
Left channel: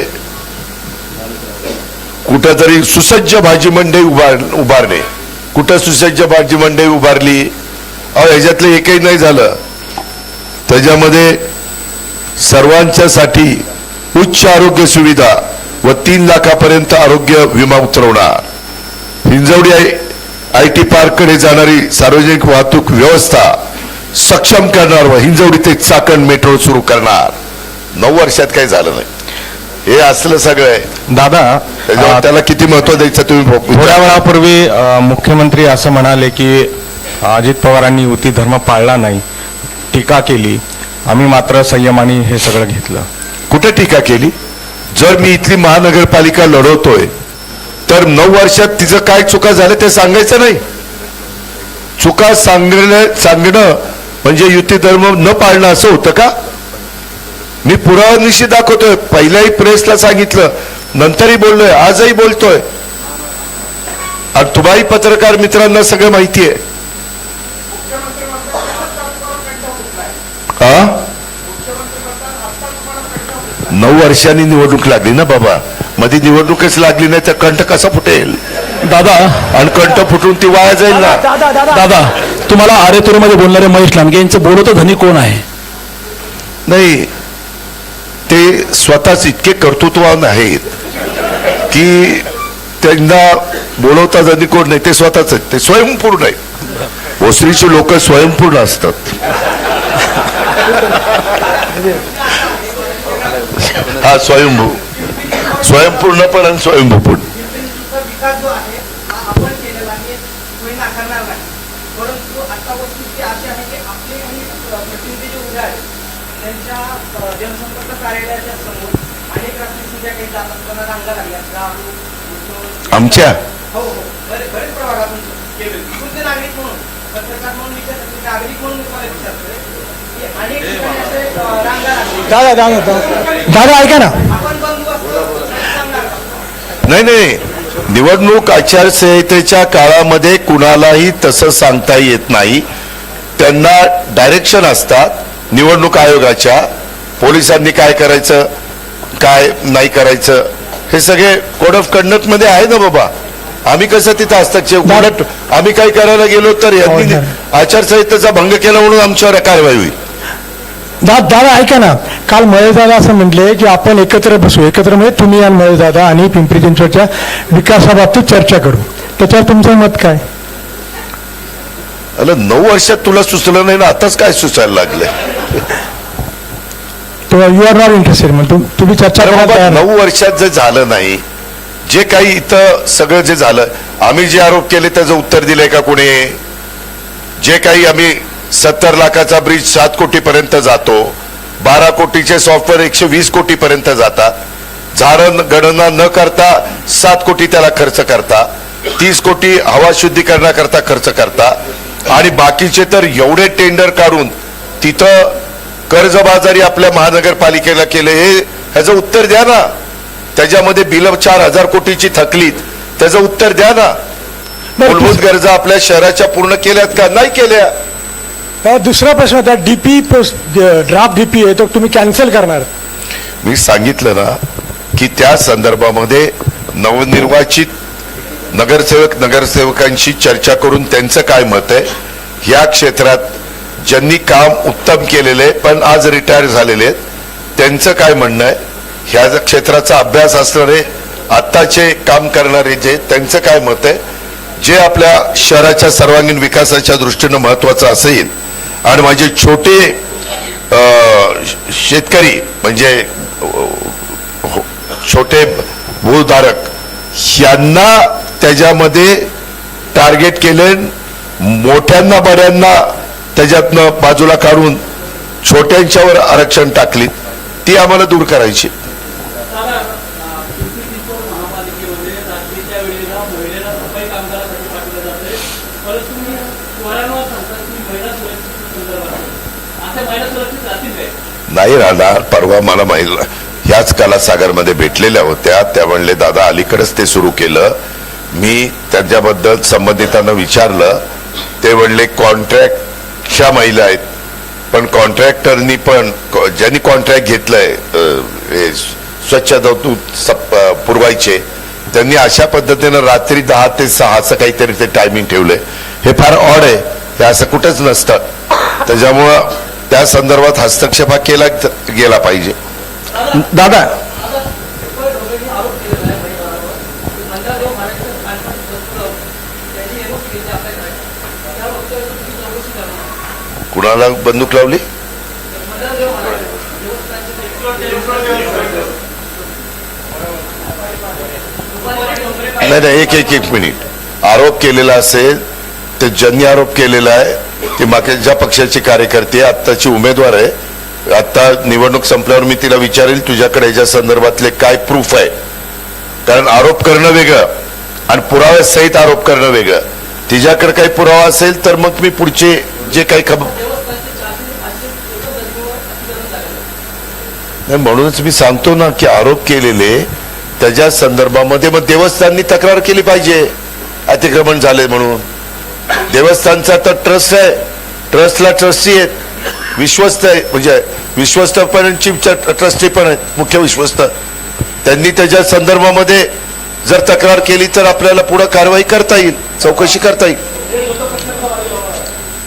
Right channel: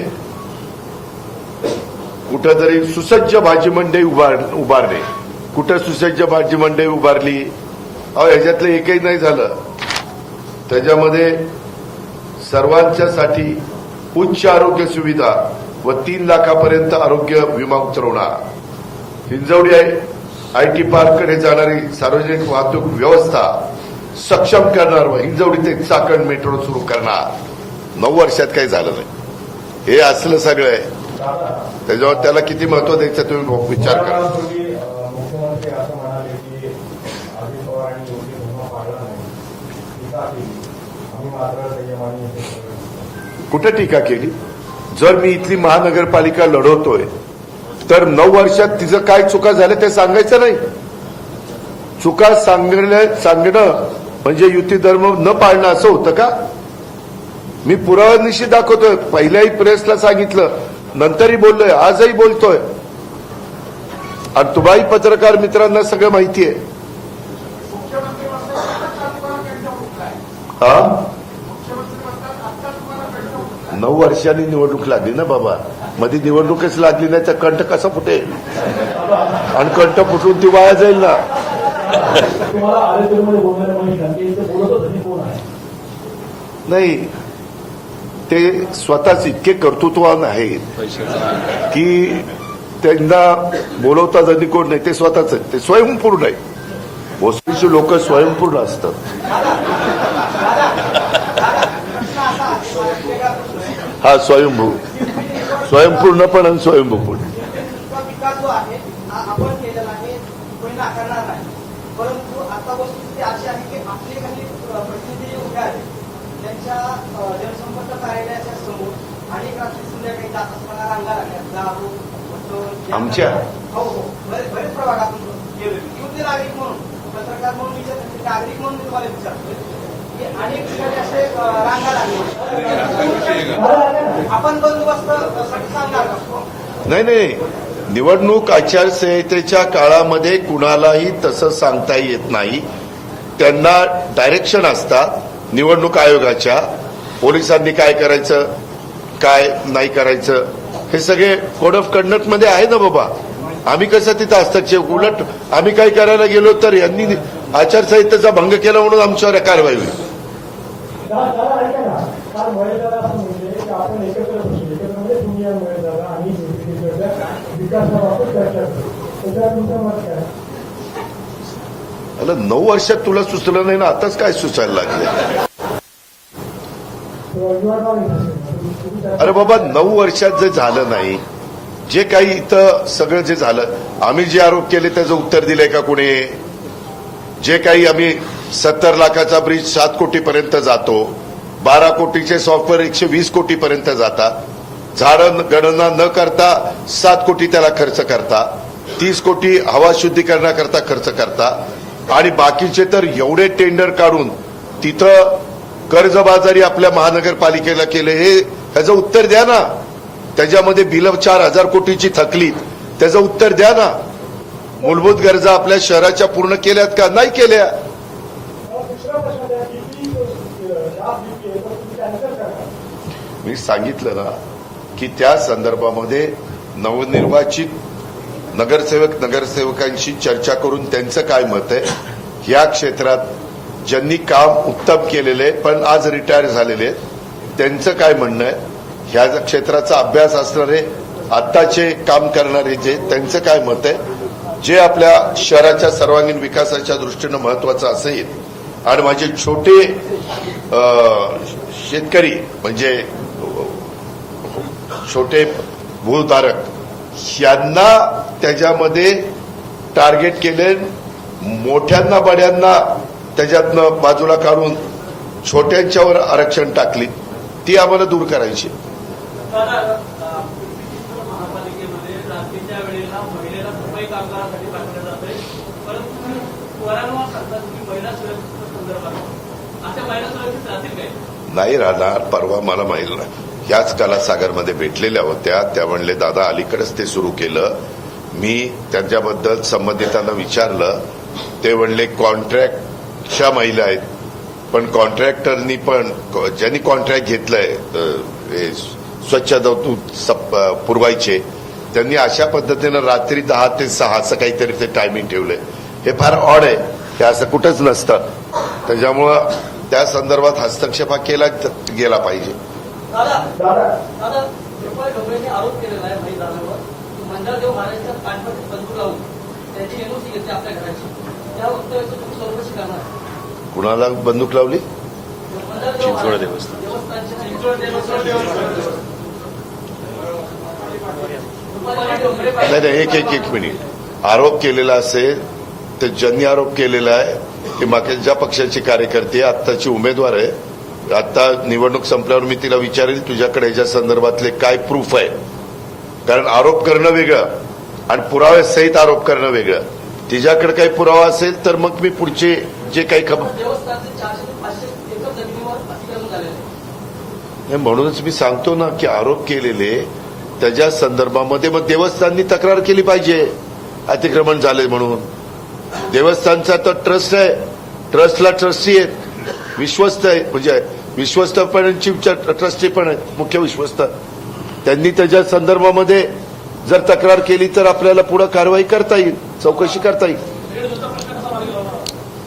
कुठंतरी सुसज्ज भाजी मंडई उभारणे, कुठं सुसज्ज भाजी मंडई उभारली? ह्याच्यातलं एकही नाही झालं. त्याच्यामध्ये सर्वांच्यासाठी उच्च आरोग्य सुविधा व 3 लाखापर्यंत आरोग्य विमा उतरवणार. हिंजवडी IT पार्ककडे जाणारी सार्वजनिक वाहतूक व्यवस्था सक्षम करणार व हिंजवडी ते चाकण मेट्रो सुरू करणार. 9 वर्षात काही झालं नाही. हे असलं सगळं आहे. दादा, त्याच्यावर त्याला किती महत्व द्यायचं तुम्ही थोड्या वेळापूर्वी मुख्यमंत्री असं म्हणाले की अजित पवारांनी युती धर्म पाळला नाही, टीका केली. आम्ही मात्र संयमाने हे सगळं घेतलं. कुठे टीका केली? जर मी इथली महानगरपालिका लढवतोय तर 9 वर्षात तिचं काय चुका झाल्या ते सांगायचं नाही. चुका सांगणं म्हणजे युती धर्म न पाळणं असं होतं का? मी पुरावानिशी दाखवतोय. पहिल्याही प्रेसला सांगितलं, नंतरही बोललोय, आजही बोलतोय. आणि तुम्हाही पत्रकार मित्रांना सगळं माहिती आहे. 9 वर्षांनी निवडणूक लागली ना बाबा. मध्ये निवडणूकच लागली नाही तर कंठ कसा फुटेल? दादा आणि कंठ फुटून ती वाया जाईल ना. दादा तुम्हाला आरेतुरीमध्ये बोलणारे महेश लांडगे यांचं बोलवतं धनी कोण आहे? नाही, ते स्वतःच इतके कर्तृत्ववान आहेत की त्यांना बोलवता जरी कोण नाही, ते स्वतःच ते स्वयंपूर्ण आहे. भोसरीची लोक स्वयंपूर्ण असतात. हा स्वयंभू, स्वयंपूर्ण पण आणि स्वयंभू पण. आमच्या दादा ऐका ना, नाही, निवडणूक आचारसंहितेच्या काळामध्ये कुणालाही तसं सांगता येत नाही. त्यांना डायरेक्शन असतात निवडणूक आयोगाच्या, पोलिसांनी काय करायचं काय नाही करायचं हे सगळे कोड ऑफ कंडक्ट मध्ये आहे ना बाबा. आम्ही कसं तिथं हस्तक्षेप, उलट आम्ही काही करायला गेलो तर यांनी आचारसंहितेचा भंग केला म्हणून आमच्यावर कारवाई होईल. दादा ऐका ना, काल महेशदादा असं म्हटले की आपण एकत्र बसू, एकत्र म्हणजे तुम्ही आणि महेशदादा आणि पिंपरी चिंचवडच्या विकासाबाबतीत चर्चा करू. त्याच्यावर तुमचं मत काय? अरे 9 वर्षात तुला सुचलं नाही ना, आताच काय सुचायला लागलंय? यू आर नॉट इंटरेस्टेड म्हणजे तुम्ही चर्चा अरे करायला बाबा, तयार नाही. 9 वर्षात जे झालं नाही, जे काही इथं सगळं जे झालं, आम्ही जे आरोप केले त्याचं उत्तर दिलंय का कोणी? जे काही आम्ही 70 लाखाचा ब्रिज 7 कोटी पर्यंत जातो, 12 कोटीचे सॉफ्टवेअर 120 कोटी पर्यंत जातात, झाडं गणना न करता 7 कोटी त्याला खर्च करता, 30 कोटी हवा शुद्धीकरणाकरता खर्च करता, आणि बाकीचे तर एवढे टेंडर काढून तिथं कर्जबाजारी आपल्या महानगरपालिकेला केले. हे ह्याचं उत्तर द्या ना. त्याच्यामध्ये बिल 4,000 कोटीची थकलीत, त्याचं उत्तर द्या ना. मूलभूत गरजा आपल्या शहराच्या पूर्ण केल्यात का? नाही केल्या. दुसरा प्रश्न होता, डीपी ड्राफ्ट डीपी आहे तो तुम्ही कॅन्सल करणार. मी सांगितलं ना की त्या संदर्भामध्ये नवनिर्वाचित नगरसेवकांशी चर्चा करून त्यांचं काय मत आहे, ह्या क्षेत्रात ज्यांनी काम उत्तम केलेले पण आज रिटायर झालेले आहेत त्यांचं काय म्हणणं आहे, ह्या क्षेत्राचा अभ्यास असणारे आत्ताचे काम करणारे जे त्यांचं काय मत आहे, जे आपल्या शहराच्या सर्वांगीण विकासाच्या दृष्टीनं महत्वाचं असेल, आणि माझे छोटे शेतकरी म्हणजे छोटे भूधारक यांना त्याच्यामध्ये टार्गेट केले, मोठ्यांना बड्यांना त्याच्यातनं बाजूला काढून छोट्यांच्यावर आरक्षण टाकली, ती आम्हाला दूर करायची. नाही राहणार. परवा मला माहिती ह्याच कलासागरमध्ये भेटलेल्या होत्या, त्या म्हणले दादा अलीकडेच ते सुरू केलं. मी त्याच्याबद्दल संबंधितांना विचारलं, ते म्हणले कॉन्ट्रॅक्टच्या महिला आहेत, पण कॉन्ट्रॅक्टरनी पण ज्यांनी कॉन्ट्रॅक्ट घेतलंय स्वच्छता पुरवायचे त्यांनी अशा पद्धतीनं रात्री 10 ते 6 असं काहीतरी ते टायमिंग ठेवलंय. हे फार ऑड आहे, हे असं कुठंच नसतं. त्याच्यामुळं त्या संदर्भात हस्तक्षेप केला गेला पाहिजे. दादा कुणाला बंदूक लावली? नाही, एक मिनिट. आरोप केलेला असेल ते ज्यांनी आरोप केलेला आहे ते मागच्या पक्षाचे कार्यकर्ते, आत्ताची उमेदवार आहे. आता निवडणूक संपल्यावर मी तिला विचारेल तुझ्याकडे याच्या संदर्भातले काय प्रूफ आहे, कारण आरोप करणं वेगळं आणि पुराव्या सहित आरोप करणं वेगळं. तिच्याकडे काही पुरावा असेल तर मग मी पुढचे जे काही म्हणूनच मी सांगतो ना की आरोप केलेले त्याच्या संदर्भामध्ये मग देवस्थाननी तक्रार केली पाहिजे अतिक्रमण झाले म्हणून. देवस्थानचा तर ट्रस्ट आहे, ट्रस्टला ट्रस्टी आहेत, विश्वस्त आहे, म्हणजे विश्वस्त पण चीफ ट्रस्टी पण आहेत, मुख्य विश्वस्त. त्यांनी त्याच्या संदर्भामध्ये जर तक्रार केली तर आपल्याला पुढे कारवाई करता येईल, चौकशी करता येईल.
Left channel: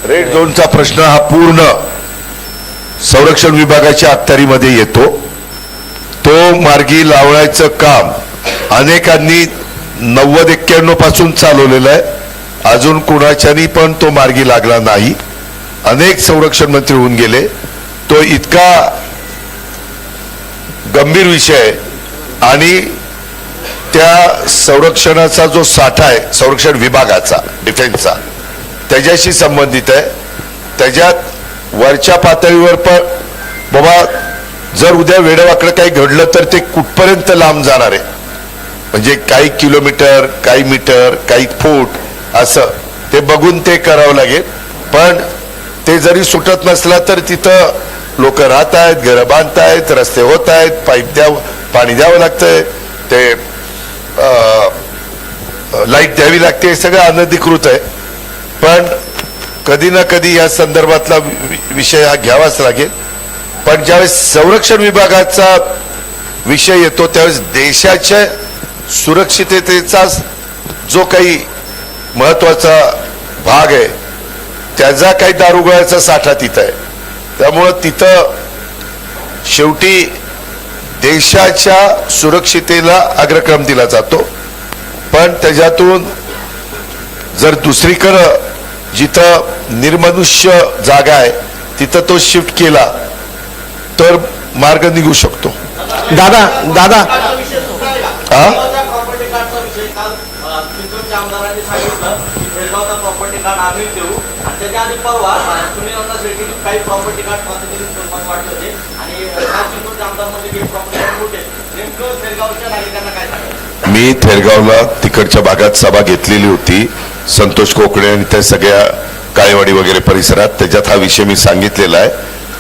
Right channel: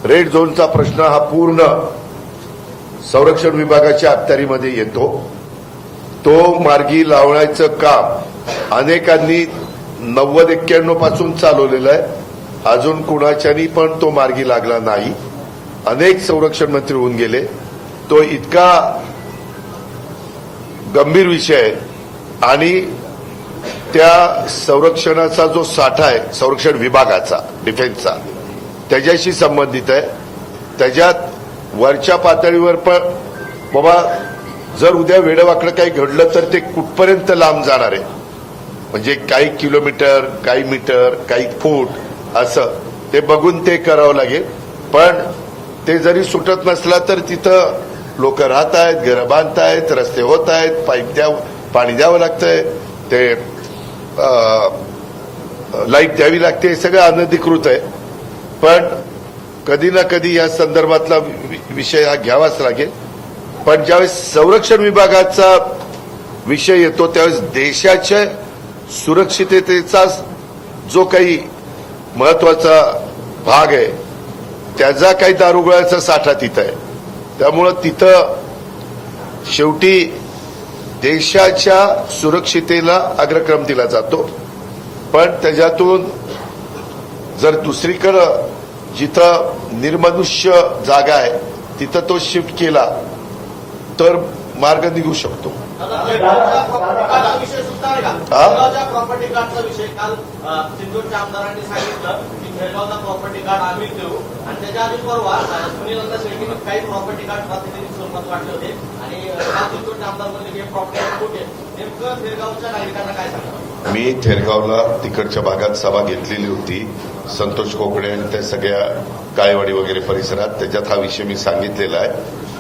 रेड झोनचा प्रश्न हा पूर्ण संरक्षण विभागाच्या अखत्यारीमध्ये येतो. तो मार्गी लावण्याचं काम अनेकांनी 90-91 पासून चालवलेलं आहे. अजून कुणाच्यानी पण तो मार्गी लागला नाही. अनेक संरक्षण मंत्री होऊन गेले. तो इतका गंभीर विषय आहे आणि त्या संरक्षणाचा जो साठा आहे संरक्षण विभागाचा, डिफेन्सचा, त्याच्याशी संबंधित आहे. त्याच्यात वरच्या पातळीवर पण बाबा जर उद्या वेडेवाकडे काही घडलं तर ते कुठपर्यंत लांब जाणार आहे, म्हणजे काही किलोमीटर, काही मीटर, काही फूट असं ते बघून ते करावं लागेल. पण ते जरी सुटत नसला तर तिथं लोक राहत आहेत, घरं बांधतायत, रस्ते होत आहेत, पाणी द्यावं लागतंय, ते लाईट द्यावी लागते, सगळं अनधिकृत आहे. पण कधी ना कधी या संदर्भातला विषय हा घ्यावाच लागेल. पण ज्यावेळेस संरक्षण विभागाचा विषय येतो त्यावेळेस देशाच्या सुरक्षिततेचा जो काही महत्वाचा भाग आहे त्याचा काही दारुगोळ्याचा साठा तिथं आहे. त्यामुळं तिथं शेवटी देशाच्या सुरक्षितेला अग्रक्रम दिला जातो. पण त्याच्यातून जर दुसरीकडं जिथं निर्मनुष्य जागा आहे तिथं तो शिफ्ट केला तर मार्ग निघू शकतो. दादा दादा हा प्रॉपर्टी कार्डचा विषय काल चिंचवडच्या आमदारांनी सांगितलं की शेगावचा प्रॉपर्टी कार्ड आम्ही देऊ आणि त्याच्या आधी परवा सुनील शेट्टी काही प्रॉपर्टी कार्ड पद्धतीने स्वरूपात वाटले होते आणि चिंचवडच्या आमदारमध्ये काही प्रॉपर्टी कार्ड होते. नेमकं शेगावच्या नागरिकांना काय सांगाल? मी थेरगावला तिकडच्या भागात सभा घेतलेली होती संतोष कोकणे आणि त्या सगळ्या काळेवाडी वगैरे परिसरात. त्याच्यात हा विषय मी सांगितलेला आहे.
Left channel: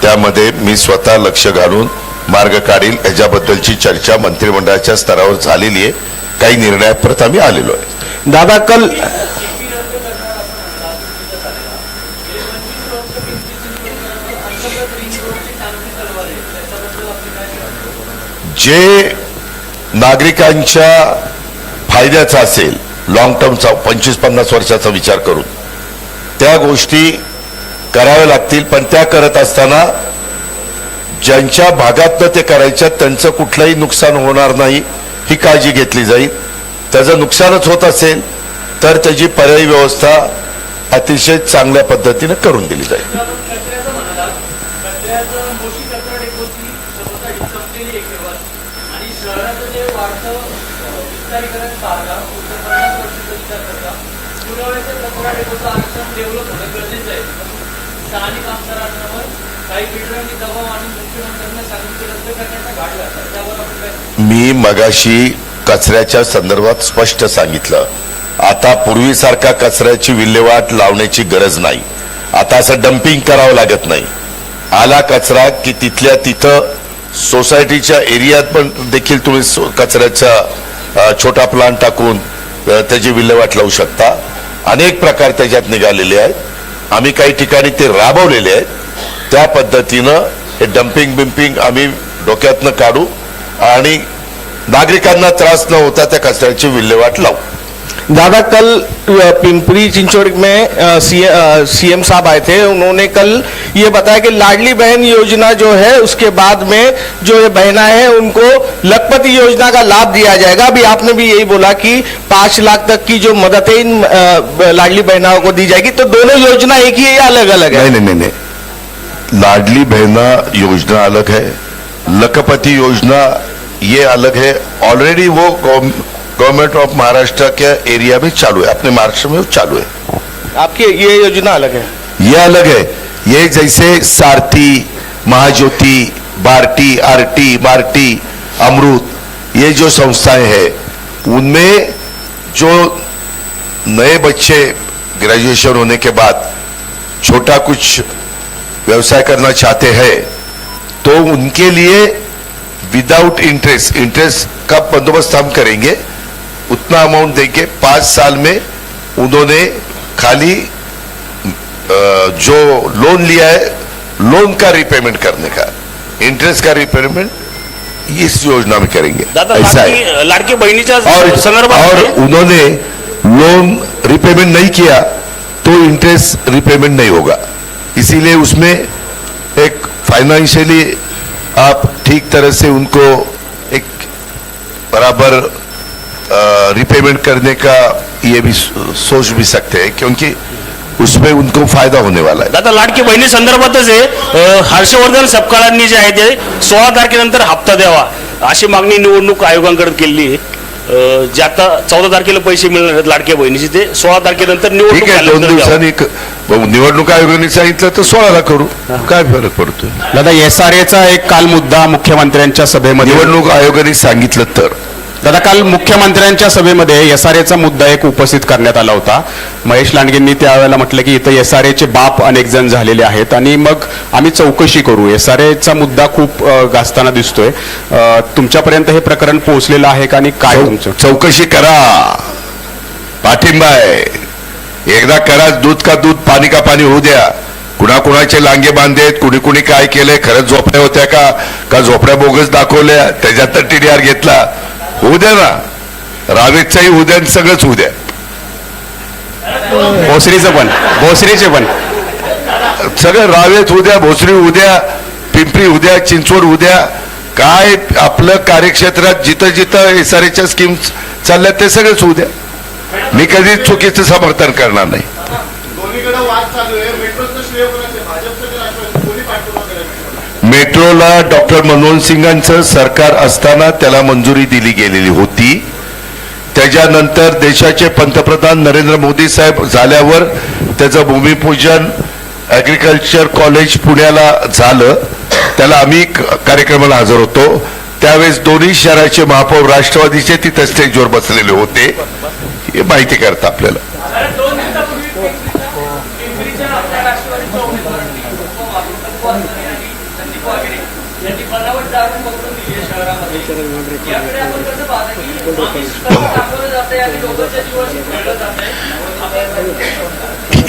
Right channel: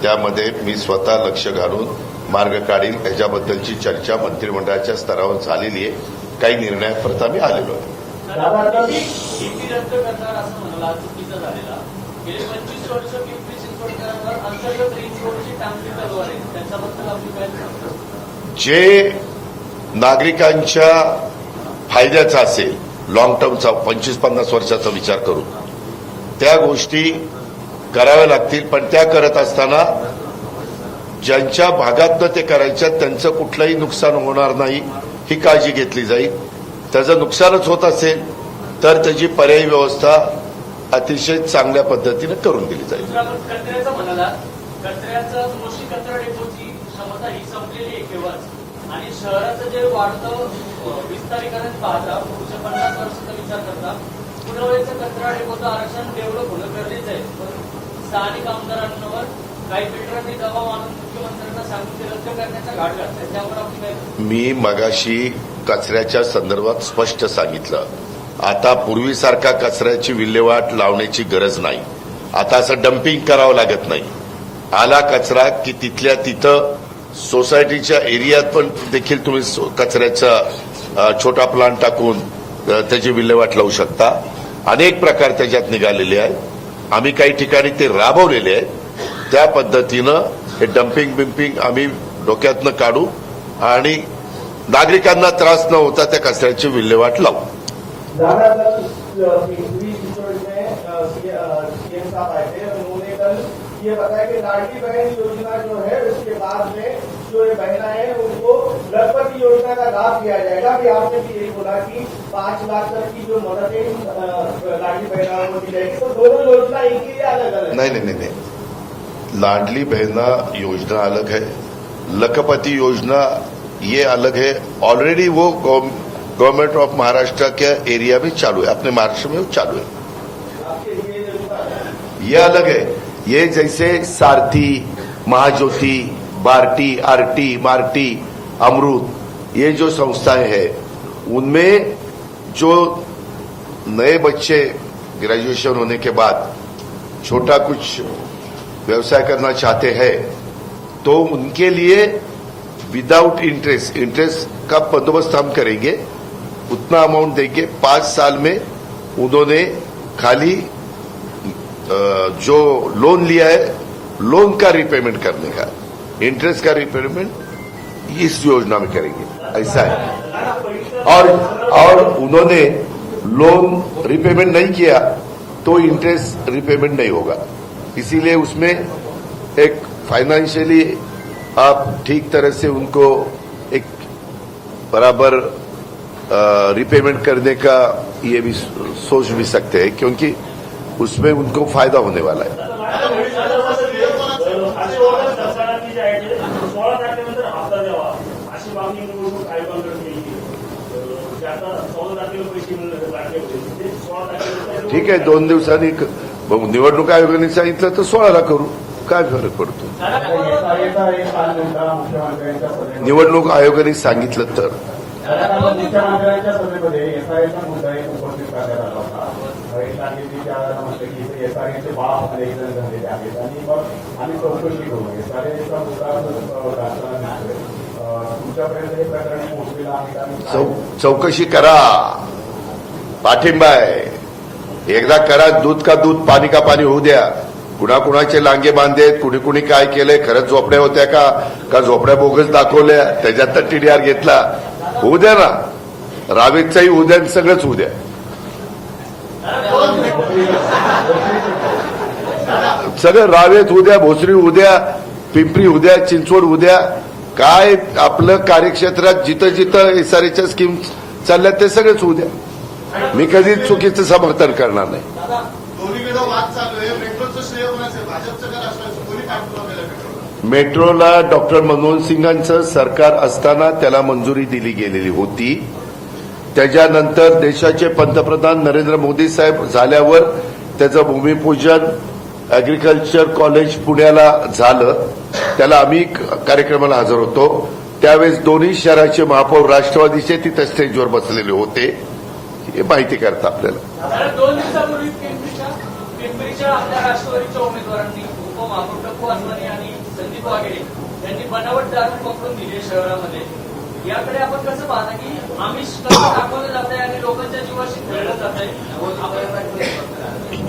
त्यामध्ये मी स्वतः लक्ष घालून मार्ग काढील याच्याबद्दलची चर्चा मंत्रिमंडळाच्या स्तरावर झालेली आहे. काही निर्णयापर्यंत आम्ही आलेलो आहे. दादा कल जे नागरिकांच्या फायद्याचा असेल लॉंग टर्मचा 25-50 वर्षाचा विचार करून त्या गोष्टी कराव्या लागतील. पण त्या करत असताना ज्यांच्या भागातनं ते करायच्या त्यांचं कुठलंही नुकसान होणार नाही ही काळजी घेतली जाईल. त्याचं नुकसानच होत असेल तर त्याची पर्यायी व्यवस्था अतिशय चांगल्या पद्धतीने करून दिली जाईल. कचऱ्याचं म्हणाला कचऱ्याचं मोठी कचरा डेपोची स्वतः संपलेली एक केवळ आणि शहराचं जे वाढतं विस्तारीकरण पाहता 50 वर्षाचा विचार करता पुरवठ्याचं कचरा डेपोचं आरक्षण डेव्हलप होणं गरजेचं आहे. स्थानिक आमदारांवर काही बिल्डरांनी दबाव आणून मुख्यमंत्र्यांना सांगून ते रद्द करण्याचा घाट घातला. त्यावर आपण काय? मी मगाशी कचऱ्याच्या संदर्भात स्पष्ट सांगितलं. आता पूर्वीसारखा कचऱ्याची विल्हेवाट लावण्याची गरज नाही. आता असं डम्पिंग करावं लागत नाही. आला कचरा की तिथल्या तिथं सोसायटीच्या एरियात पण देखील तुम्ही कचऱ्याचा छोटा प्लांट टाकून त्याची विल्हेवाट लावू शकता. अनेक प्रकार त्याच्यात निघालेले आहेत. आम्ही काही ठिकाणी ते राबवलेले आहेत. त्या पद्धतीनं हे डम्पिंग बिम्पिंग आम्ही डोक्यातनं काढू आणि नागरिकांना त्रास न होता त्या कचऱ्याची विल्हेवाट लावू. दादा कल पिंपरी चिंचवड़ में सीएम साहब आए थे. उन्होंने कल ये बताया कि लाडली बहन योजना जो है उसके बाद में जो ये बहना है उनको लखपति योजना का लाभ दिया जाएगा. अभी आपने भी यही बोला कि 5 लाख तक की जो मदद है इन लाडली बहनाओं को दी जाएगी. तो दोनों योजना एक ही है या अलग अलग है? नहीं. लाडली बहना योजना अलग है, लखपति योजना ये अलग है. ऑलरेडी वो government of Maharashtra K area में चालू है, अपने महाराष्ट्र में वो चालू है. आपकी ये योजना अलग है. ये अलग है. ये जैसे सारथी, महाज्योति, बार्टी, आरटी, मार्टी, अमृत ये जो संस्थाएं हैं उनमें जो नए बच्चे ग्रेजुएशन होने के बाद छोटा कुछ व्यवसाय करना चाहते हैं तो उनके लिए विदाउट इंटरेस्ट का बंदोबस्त हम करेंगे. उतना अमाउंट देके 5 साल में उन्होंने खाली जो लोन लिया है लोन का रिपेमेंट करने का, इंटरेस्ट का रिपेमेंट इस योजना में करेंगे. ऐसा है. लाडकी बहिणीच्या और उन्होंने लोन रिपेमेंट नहीं किया तो इंटरेस्ट रिपेमेंट नहीं होगा. इसीलिए उसमें एक फाइनेंशियली आप ठीक तरह से उनको एक बराबर रिपेमेंट करने का ये भी सोच भी सकते हैं क्योंकि उसमें उनको फायदा होने वाला है. दादा लाडकी बहिणी संदर्भातच आहे हर्षवर्धन सपकाळांनी जे आहे ते 16 तारखेनंतर हप्ता द्यावा अशी मागणी निवडणूक आयोगाकडे केली आहे. जे आता 14 तारखेला पैसे मिळणार आहेत लाडक्या बहिणीचे ते 16 तारखेनंतर ठीक आहे. 2 दिवसांनी निवडणूक आयोगाने सांगितलं तर 16ला करू. काय फरक पडतो? दादा SRAचा एक काल मुद्दा मुख्यमंत्र्यांच्या सभेमध्ये निवडणूक आयोगाने सांगितलं तर दादा काल मुख्यमंत्र्यांच्या सभेमध्ये SRAचा मुद्दा एक उपस्थित करण्यात आला होता. महेश लांडगेंनी त्यावेळेला म्हटलं की इथं SRAचे बाप अनेक जण झालेले आहेत आणि मग आम्ही चौकशी करू. SRAचा मुद्दा खूप गाजताना दिसतोय. तुमच्यापर्यंत हे प्रकरण पोहोचलेलं आहे का आणि काय तुमचं? चौकशी करा. पाठिंबा आहे. एकदा करा, दूध का दूध पाणी का पाणी होऊ द्या. कुणाकुणाचे लांगे बांधेत, कुणी कुणी काय केलंय, खरंच झोपड्या होत्या का झोपड्या बोगस दाखवल्या, त्याच्यात तर TDR घेतला, होऊ द्या ना. रावेतचाही होऊ द्या, सगळंच होऊ द्या. भोसरीचे पण सगळं रावेत उद्या, भोसरी उद्या, पिंपरी उद्या, चिंचवड उद्या. काय आपलं कार्यक्षेत्रात जिथं जिथं SRAच्या स्कीम्स चालल्यात ते सगळेच होऊ द्या. मी कधी चुकीचं समर्थन करणार नाही. मेट्रोला डॉक्टर मनमोहन सिंगांचं सरकार असताना त्याला मंजुरी दिली गेलेली होती. त्याच्यानंतर देशाचे पंतप्रधान नरेंद्र मोदी साहेब झाल्यावर त्याचं भूमिपूजन ऍग्रिकल्चर कॉलेज पुण्याला झालं. त्याला आम्ही कार्यक्रमाला हजर होतो. त्यावेळेस दोन्ही शहराचे महापौर राष्ट्रवादीचे तिथे स्टेजवर बसलेले होते. हे माहिती करतं आपल्याला. 2 दिवसापूर्वी पिंपरीच्या आपल्या राष्ट्रवादीच्या उमेदवारांनी उपमातृत्व असणारे आणि संदीप वागेरे यांनी बनावट दारू पकडून दिली आहे शहरामध्ये. याकडे आपण कसं पाहता की आमिष दाखवलं जात आहे आणि लोकांच्या जीवाशी खेळलं जात आहे?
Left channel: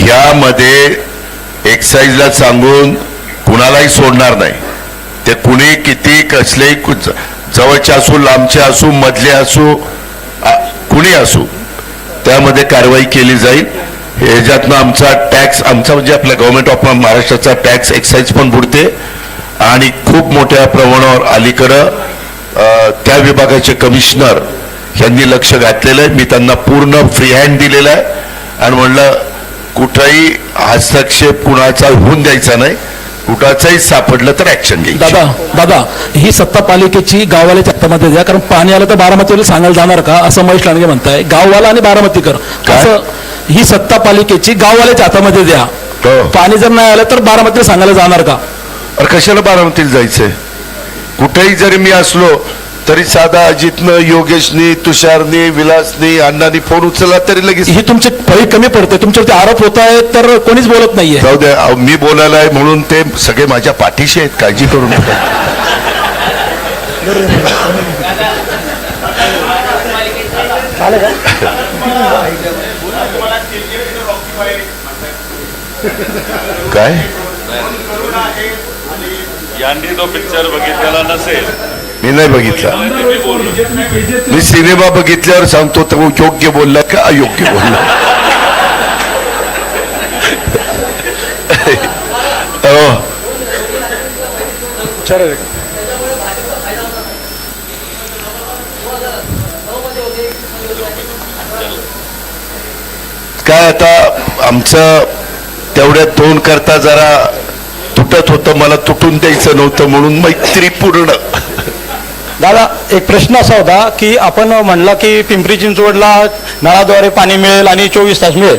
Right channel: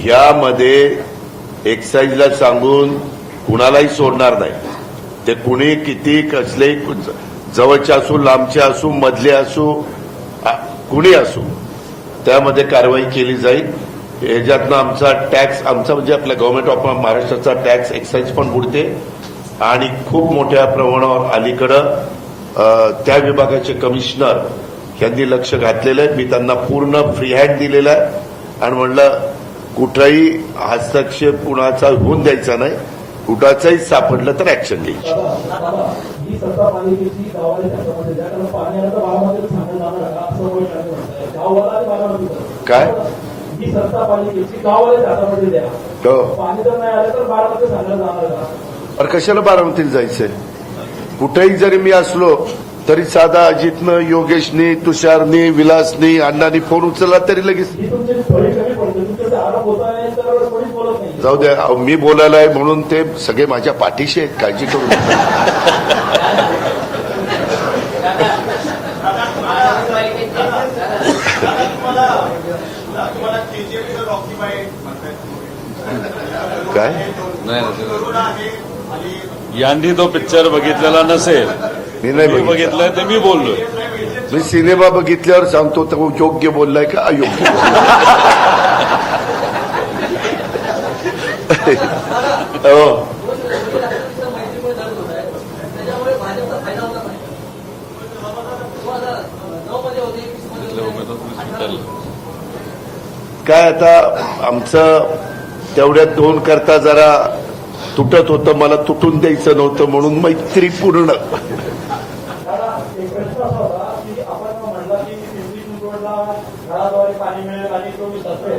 यामध्ये एक्साईजला सांगून कुणालाही सोडणार नाही. ते कुणी किती कसलेही जवळचे असू, लांबचे असू, मधले असू, कुणी असू, त्यामध्ये कारवाई केली जाईल. ह्याच्यातनं आमचा टॅक्स, आमचा म्हणजे आपल्या गव्हर्नमेंट ऑफ महाराष्ट्राचा टॅक्स एक्साईज पण बुडते आणि खूप मोठ्या प्रमाणावर अलीकडं त्या विभागाचे कमिशनर यांनी लक्ष घातलेलं आहे. मी त्यांना पूर्ण फ्री हँड दिलेला आहे आणि म्हणलं कुठलाही हस्तक्षेप कुणाचा होऊन द्यायचा नाही. कुठाचाही सापडलं तर ऍक्शन घ्यायची. दादा ही सत्ता पालिकेची गाववाल्याच्या हातामध्ये द्या, कारण पाणी आलं तर बारामतीला सांगायला जाणार का असं महेश लांडगे म्हणताय. गाववाला आणि बारामतीकर असं ही सत्ता पालिकेची गाववाल्याच्या हातामध्ये द्या. पाणी जर नाही आलं तर बारामतीला सांगायला जाणार का? अरे कशाला बारामतीला जायचंय? कुठेही जरी मी असलो तरी साधा अजितनं, योगेशनी, तुषारनी, विलासनी, अण्णांनी फोन उचलला तरी लगेच. ही तुमचे फळी कमी पडते, तुमच्यावरती आरोप होत आहेत तर कोणीच बोलत नाहीये. जाऊ द्या, मी बोलायला आहे म्हणून ते सगळे माझ्या पाठीशी आहेत, काळजी करू नका. काय यांनी तो पिक्चर बघितलेला नसेल, मी नाही बघितला. ते मी बोललो. मी सिनेमा बघितल्यावर सांगतो तर योग्य बोललाय का अयोग्य बोललाय. काय आता आमचं तेवढ्या 2 करता जरा तुटत होतं, मला तुटून द्यायचं नव्हतं म्हणून मैत्रीपूर्ण. दादा एक प्रश्न असा होता की आपण म्हणला की पिंपरी चिंचवडला नळाद्वारे पाणी मिळेल आणि 24 तास मिळेल.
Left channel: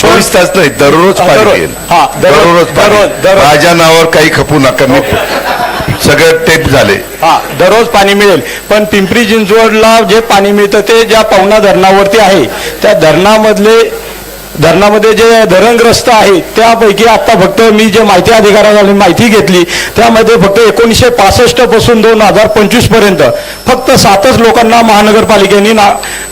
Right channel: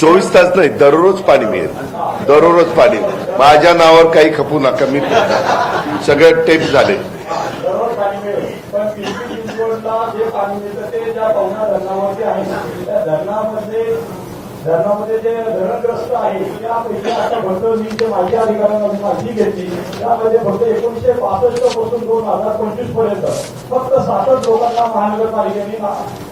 24 तास नाही, दररोज पाणी मिळेल. हा, दररोज पाणी. दररोज. माझ्या नावावर काही खपू नका, मी सगळं टेप झाले. हा, दररोज पाणी मिळेल. पण पिंपरी चिंचवडला जे पाणी मिळतं ते ज्या पवना धरणावरती आहे, त्या धरणामध्ये जे धरणग्रस्त आहेत त्यापैकी आता फक्त मी जे माहिती अधिकाऱ्याने माहिती घेतली त्यामध्ये फक्त 1965 पासून 2025 पर्यंत फक्त 7च लोकांना महानगरपालिकेने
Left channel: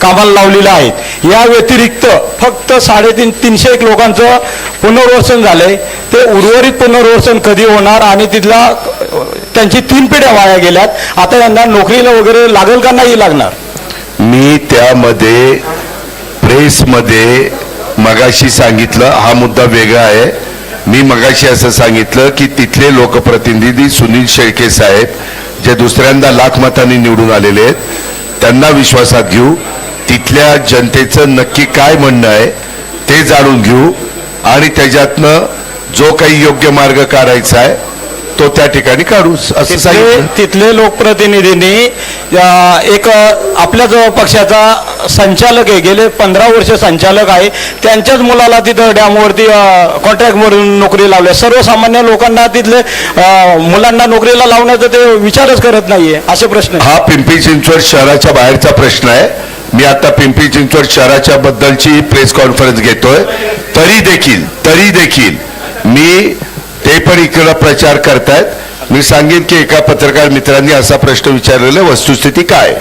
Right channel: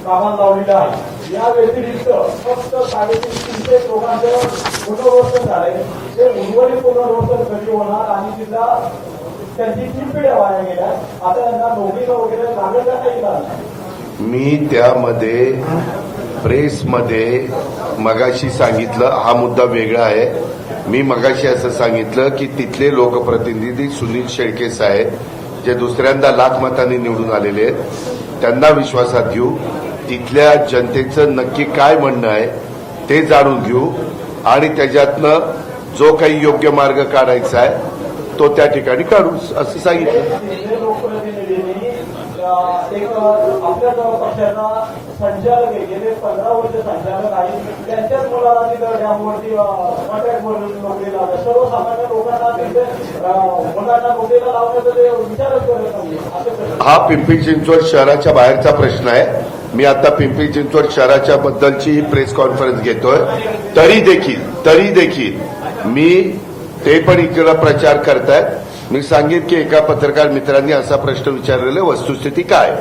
कामाला लावलेलं आहे. या व्यतिरिक्त फक्त 350 लोकांचं पुनर्वसन झालंय. ते उर्वरित पुनर्वसन कधी होणार आणि तिथला त्यांची 3 पिढ्या वाया गेल्यात. आता यांना नोकरीला वगैरे लागेल का नाही लागणार? मी त्यामध्ये प्रेसमध्ये मगाशी सांगितलं, हा मुद्दा वेगळा आहे. मी मगाशी असं सांगितलं की तिथले लोकप्रतिनिधी सुनील शेळके साहेब जे दुसऱ्यांदा लाख मतांनी निवडून आलेले आहेत, त्यांना विश्वासात घेऊ. तिथल्या जनतेचं नक्की काय म्हणणं आहे ते जाणून घेऊ आणि त्याच्यातनं जो काही योग्य मार्ग काढायचा आहे तो त्या ठिकाणी काढू असं सांगितलं. तिथले लोकप्रतिनिधींनी एक आपल्याच पक्षाचा संचालक आहे, गेले 15 वर्ष संचालक आहे, त्यांच्याच मुलाला तिथं डॅमवरती कॉन्ट्रॅक्ट म्हणून नोकरी लावल्या. सर्वसामान्य लोकांना तिथले मुलांना नोकरीला लावण्याचा ते विचारच करत नाहीये. असे प्रश्न हा पिंपरी चिंचवड शहराच्या बाहेरचा प्रश्न आहे. मी आता पिंपरी चिंचवड शहराच्या बद्दलची प्रेस कॉन्फरन्स घेतोय. तरी देखील मी ते पण इकडे प्रचार करतायत. मी सांगेन की एका पत्रकार मित्रांनी असा प्रश्न विचारलेला, वस्तुस्थिती काय?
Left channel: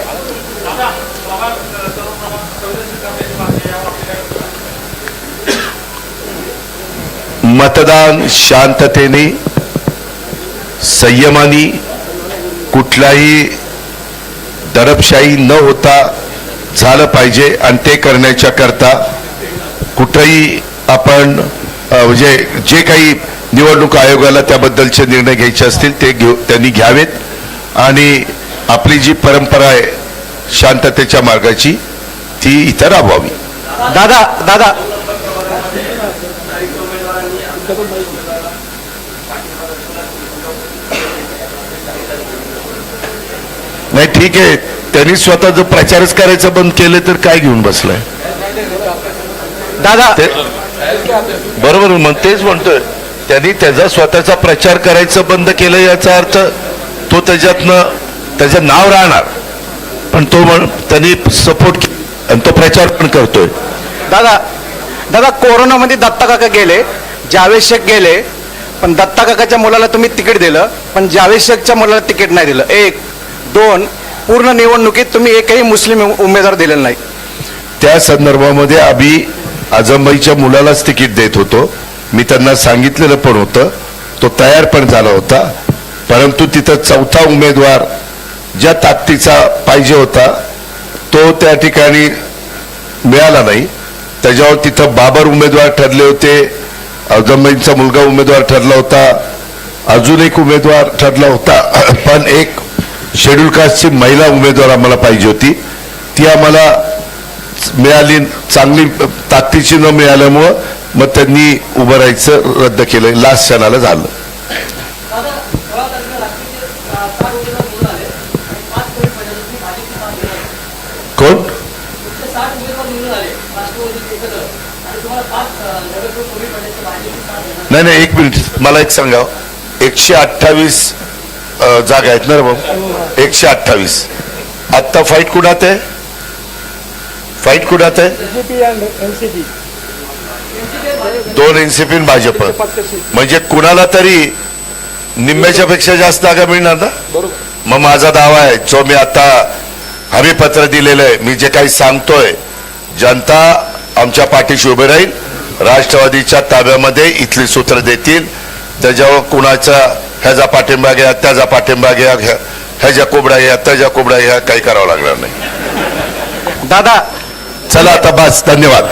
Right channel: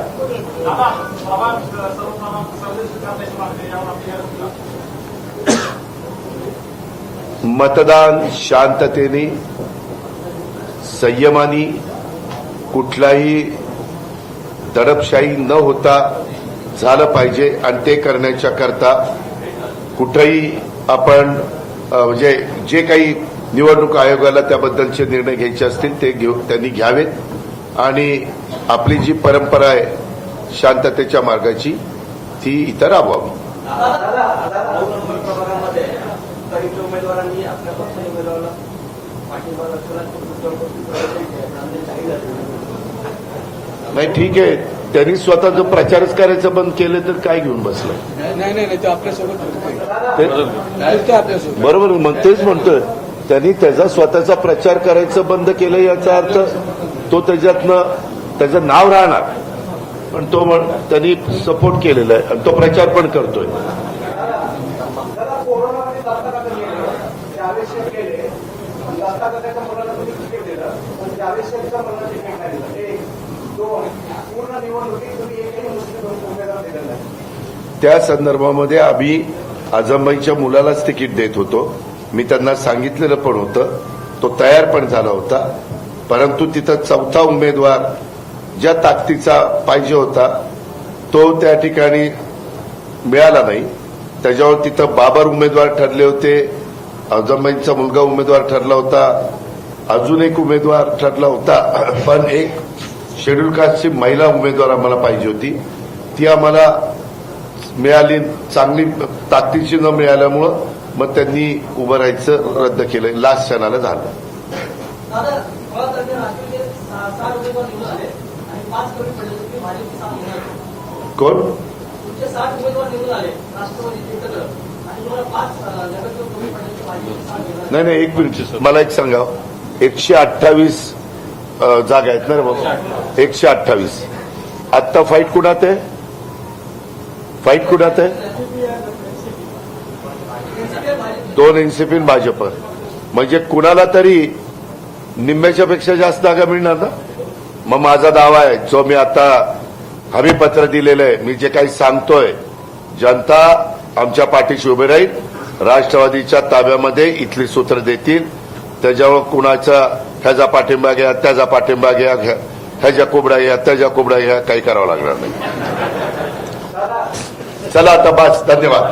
मतदान शांततेने संयमाने कुठलाही दडपशाही न होता झालं पाहिजे आणि ते करण्याच्या करता कुठेही आपण म्हणजे जे काही निवडणूक आयोगाला त्याबद्दलचे निर्णय घ्यायचे असतील ते त्यांनी घ्यावेत आणि आपली जी परंपरा आहे शांततेच्या मार्गाची ती इतर राबवावी. दादा नाही ठीक आहे, त्यांनी स्वतः जर प्रचारच करायचं बंद केले तर काय घेऊन बसलाय. दादा बरोबर मग तेच म्हणतोय, त्यांनी त्याचा स्वतःचा प्रचार करायचं बंद केलं याचा अर्थ तो त्याच्यातनं त्याचं नाव राहणार, पण तो त्यांनी सपोर्ट केलेला आहे आणि तो प्रचार पण करतोय. दादा कोरोनामध्ये दत्ता काका गेले, जावेद शेख गेले, पण दत्ता काकाच्या मुलाला तुम्ही तिकीट दिलं पण जावेद शेखच्या मुलाला तिकीट नाही दिलं. 1, 2 पूर्ण निवडणुकीत तुम्ही एकही मुस्लिम उमेदवार दिलेला नाही. त्या संदर्भामध्ये आम्ही आझमबाईच्या मुलालाच तिकीट देत होतो. मी त्यांना सांगितलेलं पण होतं, तो तयार पण झाला होता, परंतु तिथं चौथा उमेदवार ज्या ताकदीचा पाहिजे होता तो त्या ठिकाणी मिळाला नाही. त्याच्यावर तिथं बाबर उमेदवार ठरले होते, आझमबाईंचा मुलगा उमेदवार ठरला होता, अजून एक उमेदवार ठरला होता, पण एक शेड्यूल कास्टची महिला उमेदवार आम्हाला पाहिजे होती, ती आम्हाला मिळाली चांगली ताकदीची न मिळाल्यामुळं मग त्यांनी उभं राहायचं रद्द केलं, लास्ट क्षणाला झालं. कोण नाही एक मिनिट मला एक सांगा, 128 जागा आहेत ना रे भाऊ, 128. आत्ता फाईट कुणात आहे, फाईट कुणात आहे, 2 एनसीपी भाजप, म्हणजे कुणाला तरी निम्म्याच्या पेक्षा जास्त जागा मिळणार ना. मग माझा दावा आहे जो मी आता हमीपत्र दिलेलं आहे, मी जे काही सांगतोय, जनता आमच्या पाठीशी उभे राहील, राष्ट्रवादीच्या ताब्यामध्ये इथली सूत्र देतील, त्याच्यावर कुणाचा ह्याचा पाठिंबा घ्या, त्याचा पाठिंबा घ्या, ह्याच्या कोबडा घ्या, त्याच्या कोबडा घ्या, काही करावं लागणार नाही. दादा चला आता बस, धन्यवाद.